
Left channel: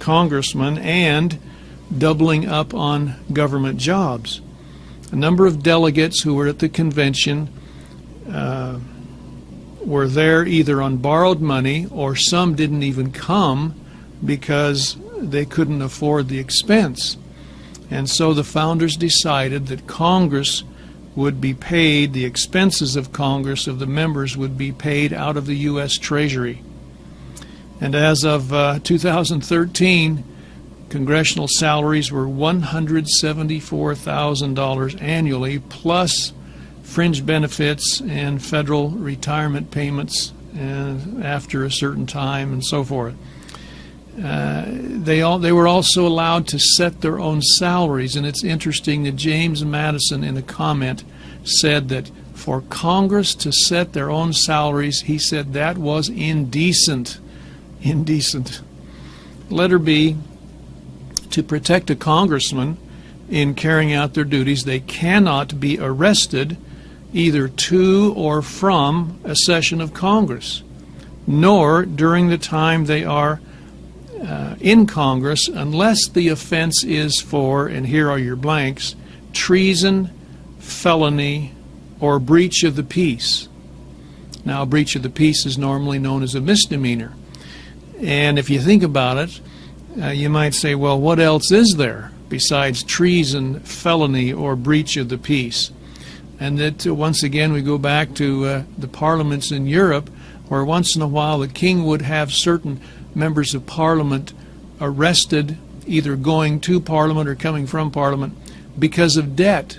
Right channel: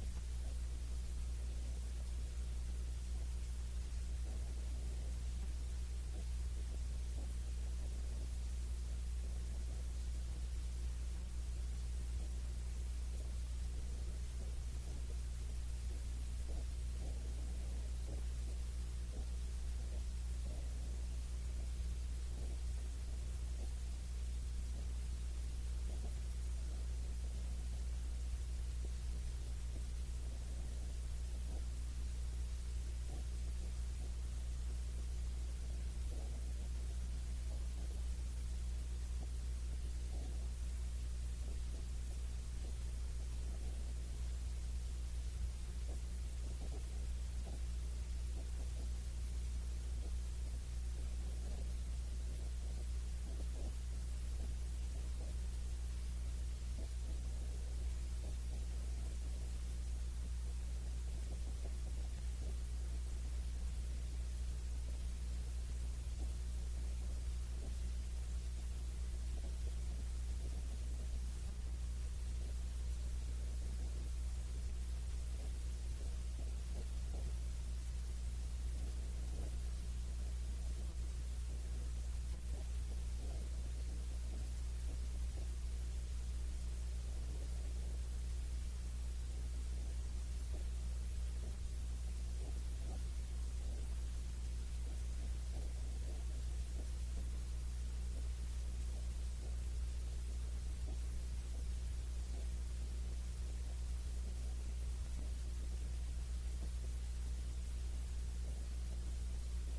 congressmen and doubling up on government jobs. A number of delegates who were at the convention were there either on borrowed money, or some didn't even come because they couldn't afford the expense. And so the founders decided that Congress would be paid, the expenses of Congress, of the members, would be paid out of the U.S. Treasury. And as of 2013, congressional salaries were $174,000 annually, plus fringe benefits and federal retirement payments after a certain time and so forth. They were also allowed to set their own salaries, and it's interesting that James Madison, in a comment, said that for Congress to set their own salaries, he said that was indecent. Indecent. Letter B, to protect a congressman in carrying out their duties, they cannot be arrested either to or from a session of Congress, nor during the time they are in Congress, unless the offense is for, and here are your blanks, treason, felony, or breach of the peace. Now, breach of the peace is normally known as a misdemeanor. And if you think about it, you might say, well, what else is there besides treason, felony, or breach of the peace? And that, once again, we go back to the parliaments in Europe, where once in a while the king would have certain members of Parliament arrested, either going to Parliament or coming from Parliament, because of debt.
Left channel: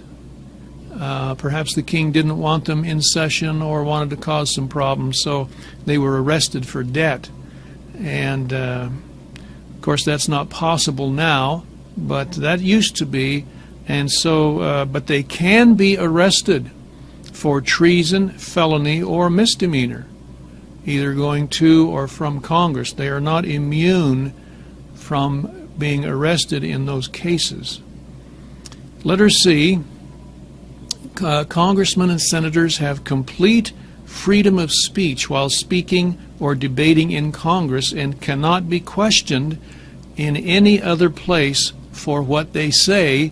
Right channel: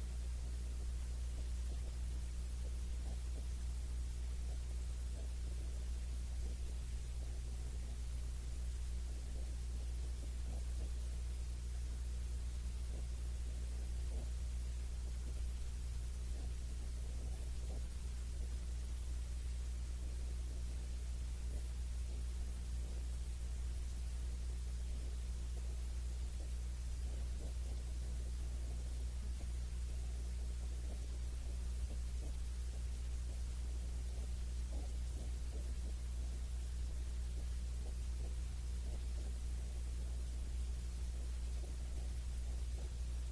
Perhaps the king didn't want them in session or wanted to cause some problems, so they were arrested for debt. And of course that's not possible now, but that used to be. And so, but they can be arrested for treason, felony, or misdemeanor, either going to or from Congress. They are not immune from being arrested in those cases. Letter C, congressmen and senators have complete freedom of speech while speaking or debating in Congress and cannot be questioned in any other place for what they say,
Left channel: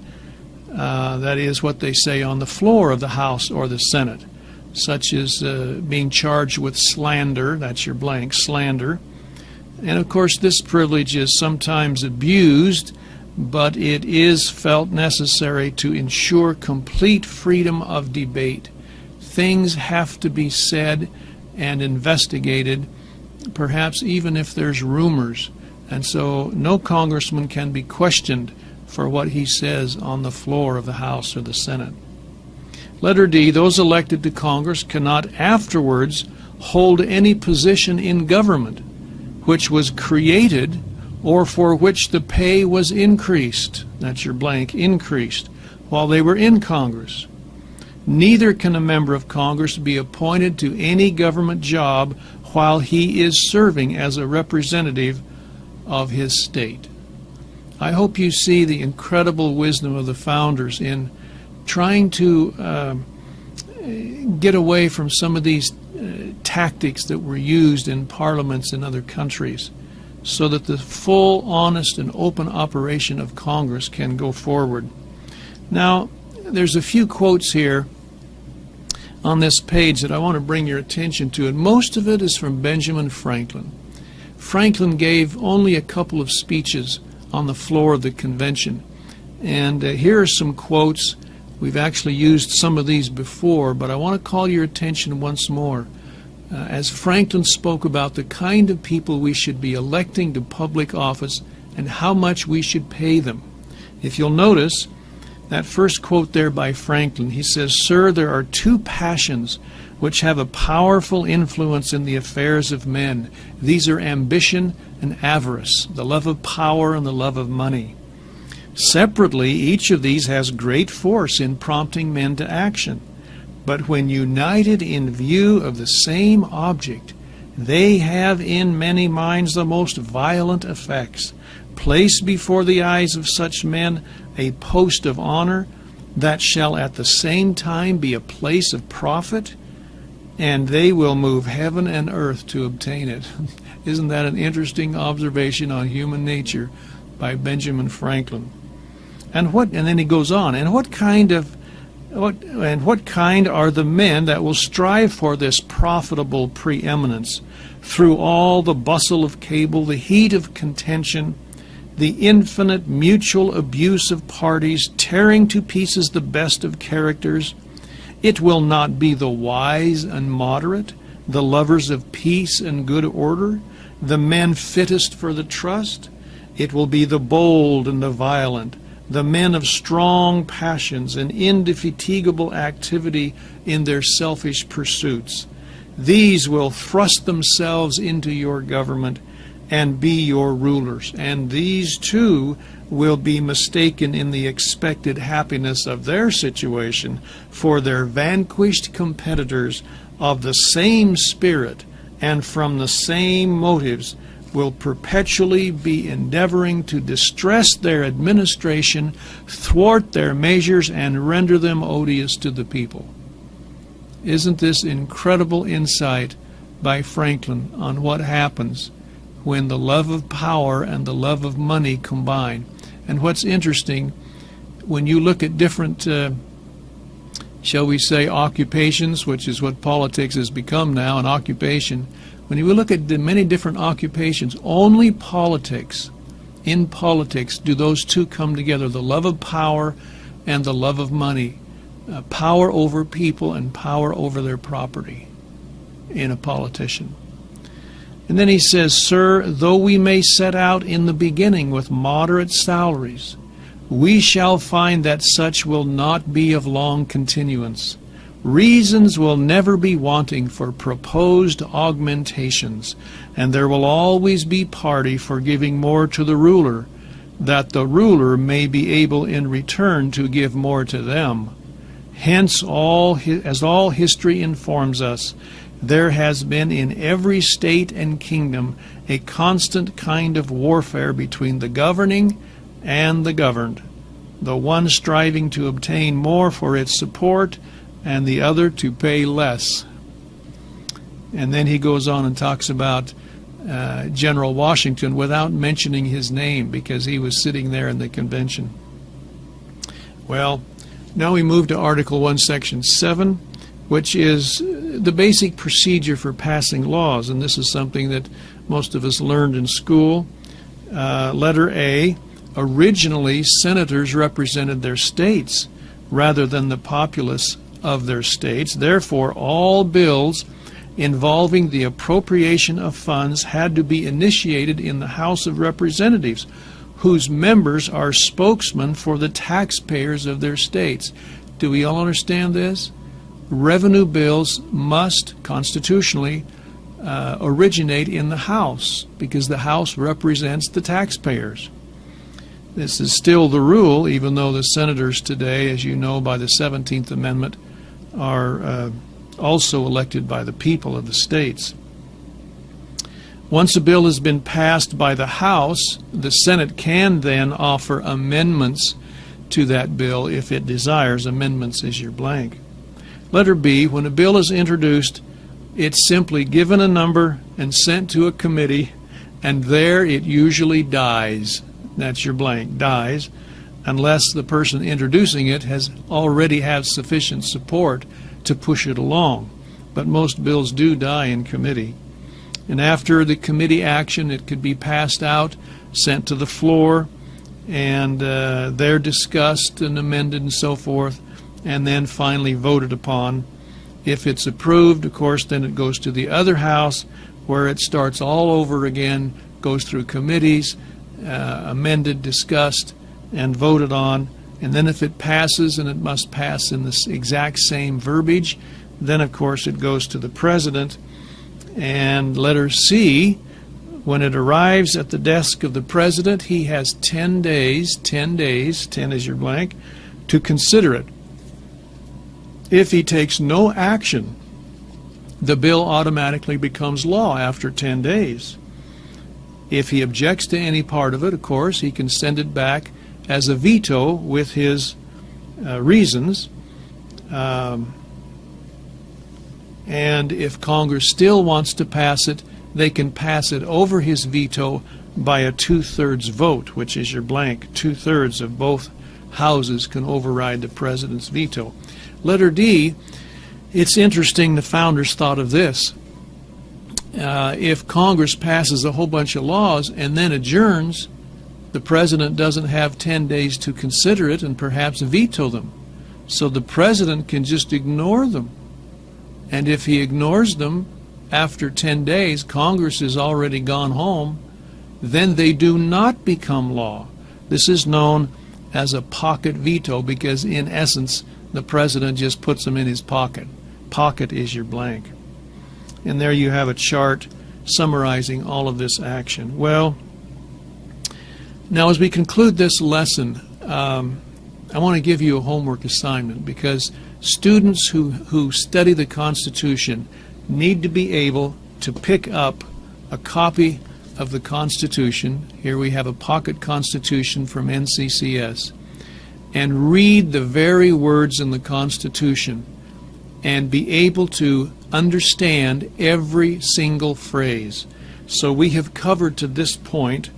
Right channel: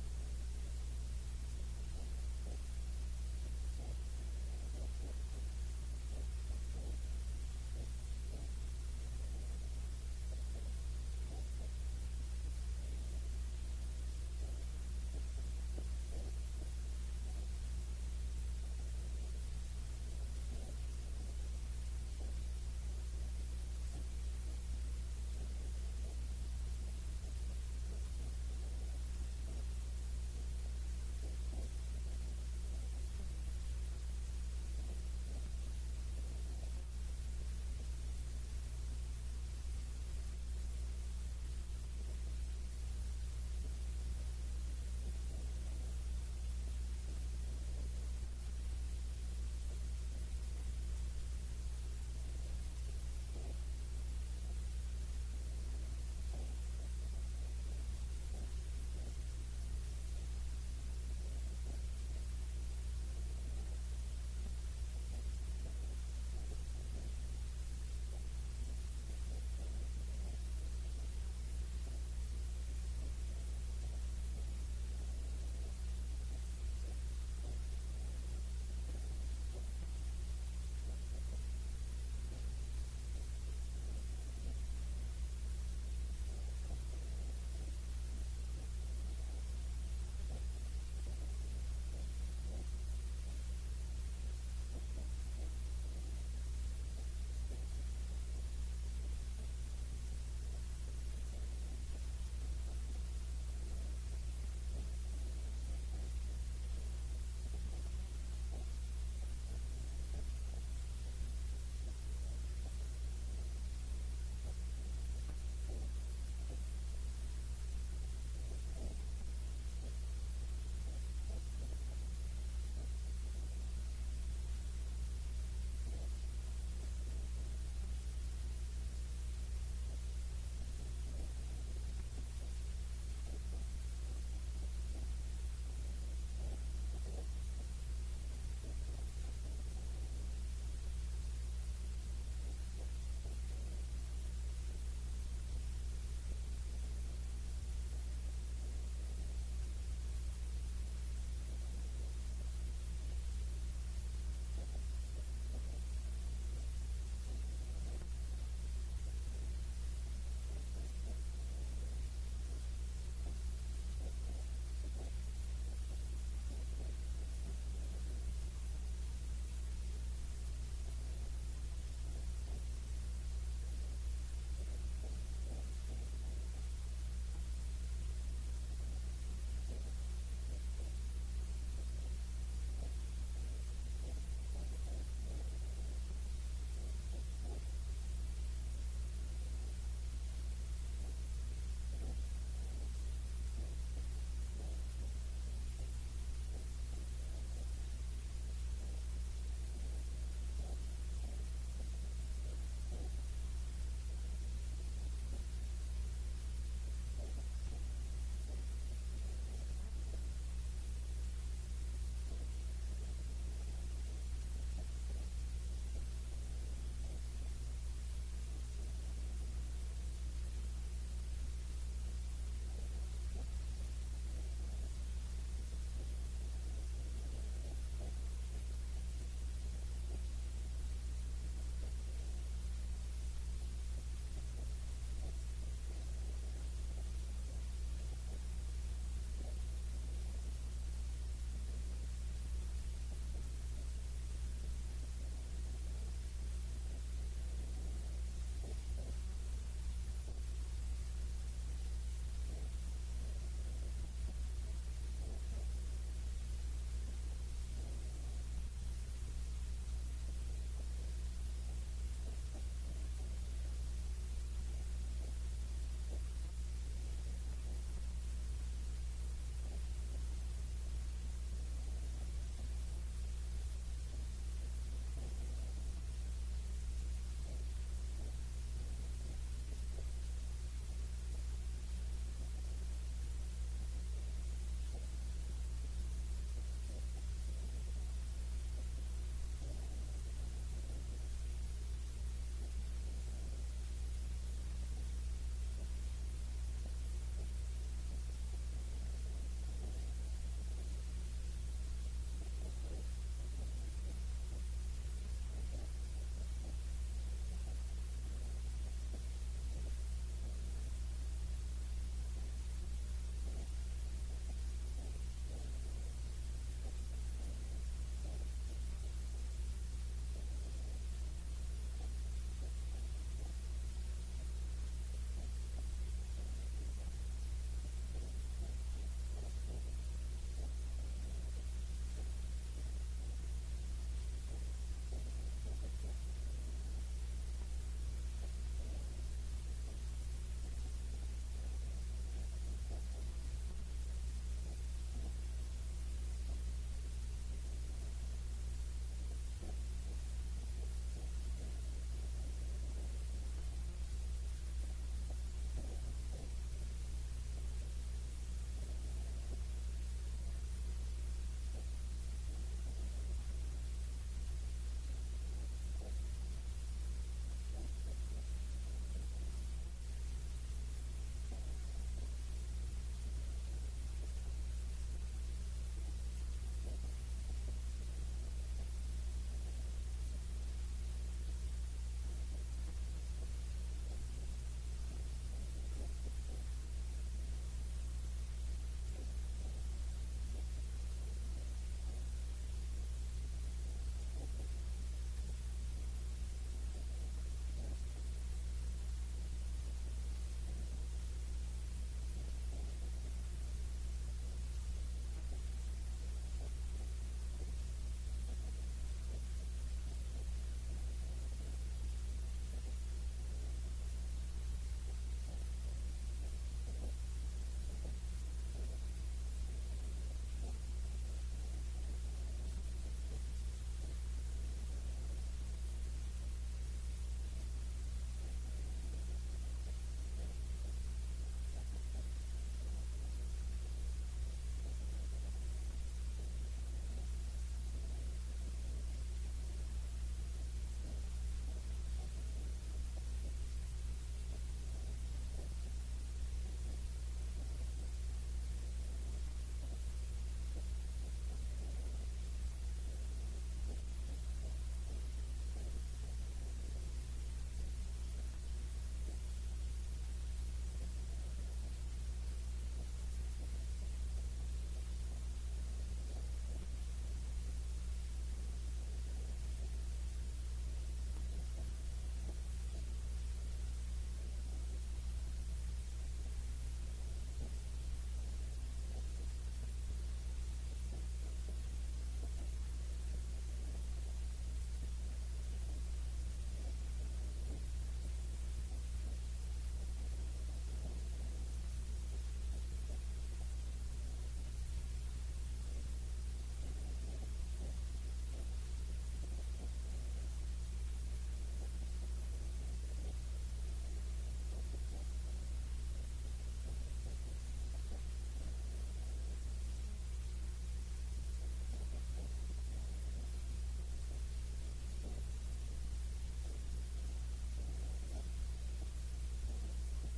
that is, what they say on the floor of the House or the Senate, such as being charged with slander, that's your blank, slander. And of course this privilege is sometimes abused, but it is felt necessary to ensure complete freedom of debate. Things have to be said and investigated, perhaps even if there's rumors. And so no congressman can be questioned for what he says on the floor of the House or the Senate. Letter D, those elected to Congress cannot afterwards hold any position in government which was created or for which the pay was increased, that's your blank, increased, while they were in Congress. Neither can a member of Congress be appointed to any government job while he is serving as a representative of his state. I hope you see the incredible wisdom of the founders in trying to get away from some of these tactics that were used in parliaments in other countries, so that the full, honest, and open operation of Congress can go forward. Now, there's a few quotes here on this page that I want to bring your attention to, and most of it is from Benjamin Franklin. Franklin gave only a couple of speeches on the floor of the convention, and here are some quotes. We've actually used some of these before, but I want to call your attention once more as Franklin spoke about the kind of people we should be electing to public office and how much we should pay them. If you'll notice that first quote there by Franklin, he says, "Sir, there are two passions which have a powerful influence in the affairs of men. These are ambition and avarice, the love of power and the love of money. Separately, each of these has great force in prompting men to action. But when united in view of the same object, they have in many minds the most violent effects. Place before the eyes of such men a post of honor that shall at the same time be a place of profit, and they will move heaven and earth to obtain it." Isn't that an interesting observation on human nature by Benjamin Franklin? And then he goes on, what kind are the men that will strive for this profitable preeminence through all the bustle of cable, the heat of contention, the infinite mutual abuse of parties, tearing to pieces the best of characters? It will not be the wise and moderate, the lovers of peace and good order, the men fittest for the trust. It will be the bold and the violent, the men of strong passions and indefatigable activity in their selfish pursuits. These will thrust themselves into your government and be your rulers, and these too will be mistaken in the expected happiness of their situation for their vanquished competitors of the same spirit and from the same motives will perpetually be endeavoring to distress their administration, thwart their measures, and render them odious to the people. Isn't this incredible insight by Franklin on what happens when the love of power and the love of money combine? And what's interesting, when you look at different, shall we say, occupations, which is what politics has become now, an occupation, when you look at the many different occupations, only in politics do those two come together, the love of power and the love of money, power over people and power over their property in a politician. And then he says, "Sir, though we may set out in the beginning with moderate salaries, we shall find that such will not be of long continuance. Reasons will never be wanting for proposed augmentations, and there will always be party for giving more to the ruler, that the ruler may be able in return to give more to them. Hence, as all history informs us, there has been in every state and kingdom a constant kind of warfare between the governing and the governed, the one striving to obtain more for its support, and the other to pay less." And then he goes on and talks about General Washington without mentioning his name because he was sitting there in the convention. Well, now we move to Article 1, Section 7, which is the basic procedure for passing laws, and this is something that most of us learned in school. Letter A, originally senators represented their states rather than the populace of their states. Therefore, all bills involving the appropriation of funds had to be initiated in the House of Representatives, whose members are spokesmen for the taxpayers of their states. Do we all understand this? Revenue bills must constitutionally originate in the House because the House represents the taxpayers. This is still the rule, even though the senators today, as you know by the 17th Amendment, are also elected by the people of the states. Once a bill has been passed by the House, the Senate can then offer amendments to that bill if it desires. Amendments is your blank. Letter B, when a bill is introduced It's simply given a number and sent to a committee, and there it usually dies. That's your blank, dies, unless the person introducing it has already had sufficient support to push it along. But most bills do die in committee. And after the committee action, it could be passed out, sent to the floor, and they're discussed and amended and so forth, and then finally voted upon. If it's approved, of course, then it goes to the other house, where it starts all over again, goes through committees, amended, discussed, and voted on. And then if it passes, and it must pass in the exact same verbiage, then of course it goes to the president. And letter C, when it arrives at the desk of the president, he has 10 days, 10 is your blank, to consider it. If he takes no action, the bill automatically becomes law after 10 days. If he objects to any part of it, of course, he can send it back as a veto with his reasons. And if Congress still wants to pass it, they can pass it over his veto by a 2/3 vote, which is your blank. 2/3 of both houses can override the president's veto. Letter D, it's interesting the founders thought of this. If Congress passes a whole bunch of laws and then adjourns, the president doesn't have 10 days to consider it and perhaps veto them. So the president can just ignore them. And if he ignores them, after 10 days, Congress has already gone home, then they do not become law. This is known as a pocket veto because, in essence, the president just puts them in his pocket. Pocket is your blank. And there you have a chart summarizing all of this action. Well, now as we conclude this lesson, I want to give you a homework assignment, because students who study the Constitution need to be able to pick up a copy of the Constitution. Here we have a pocket Constitution from NCCS, and read the very words in the Constitution and be able to understand every single phrase. So we have covered to this point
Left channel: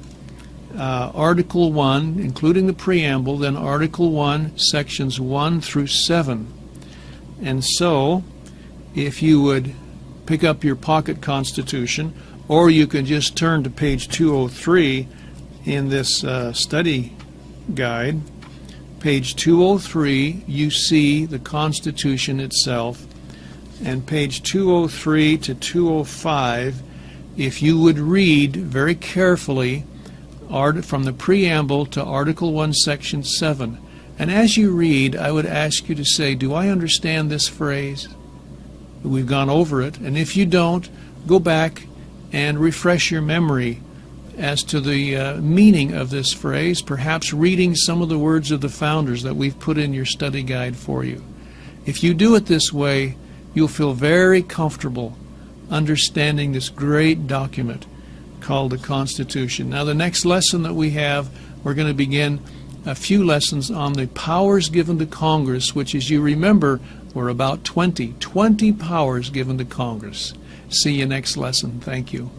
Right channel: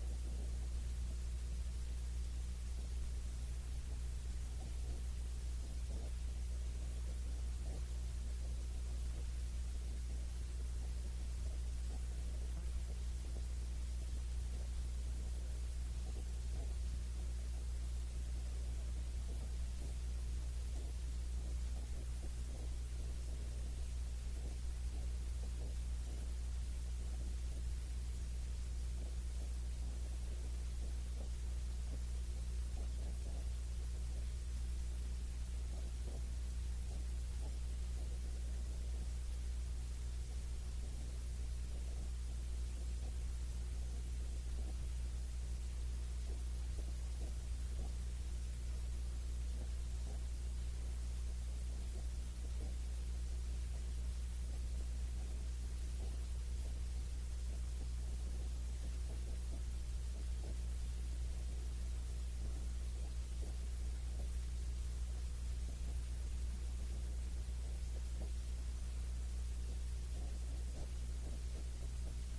Article 1, including the preamble, then Article 1, sections 1 through 7. And so, if you would pick up your pocket Constitution, or you can just turn to page 203 in this study guide. Page 203, you see the Constitution itself, and page 203 to 205, if you would read very carefully from the preamble to Article 1, Section 7. And as you read, I would ask you to say, do I understand this phrase? We've gone over it, and if you don't, go back and refresh your memory as to the meaning of this phrase, perhaps reading some of the words of the founders that we've put in your study guide for you. If you do it this way, you'll feel very comfortable understanding this great document called the Constitution. Now, the next lesson that we have, we're going to begin a few lessons on the powers given to Congress, which, as you remember, were about 20 powers given to Congress. See you next lesson. Thank you.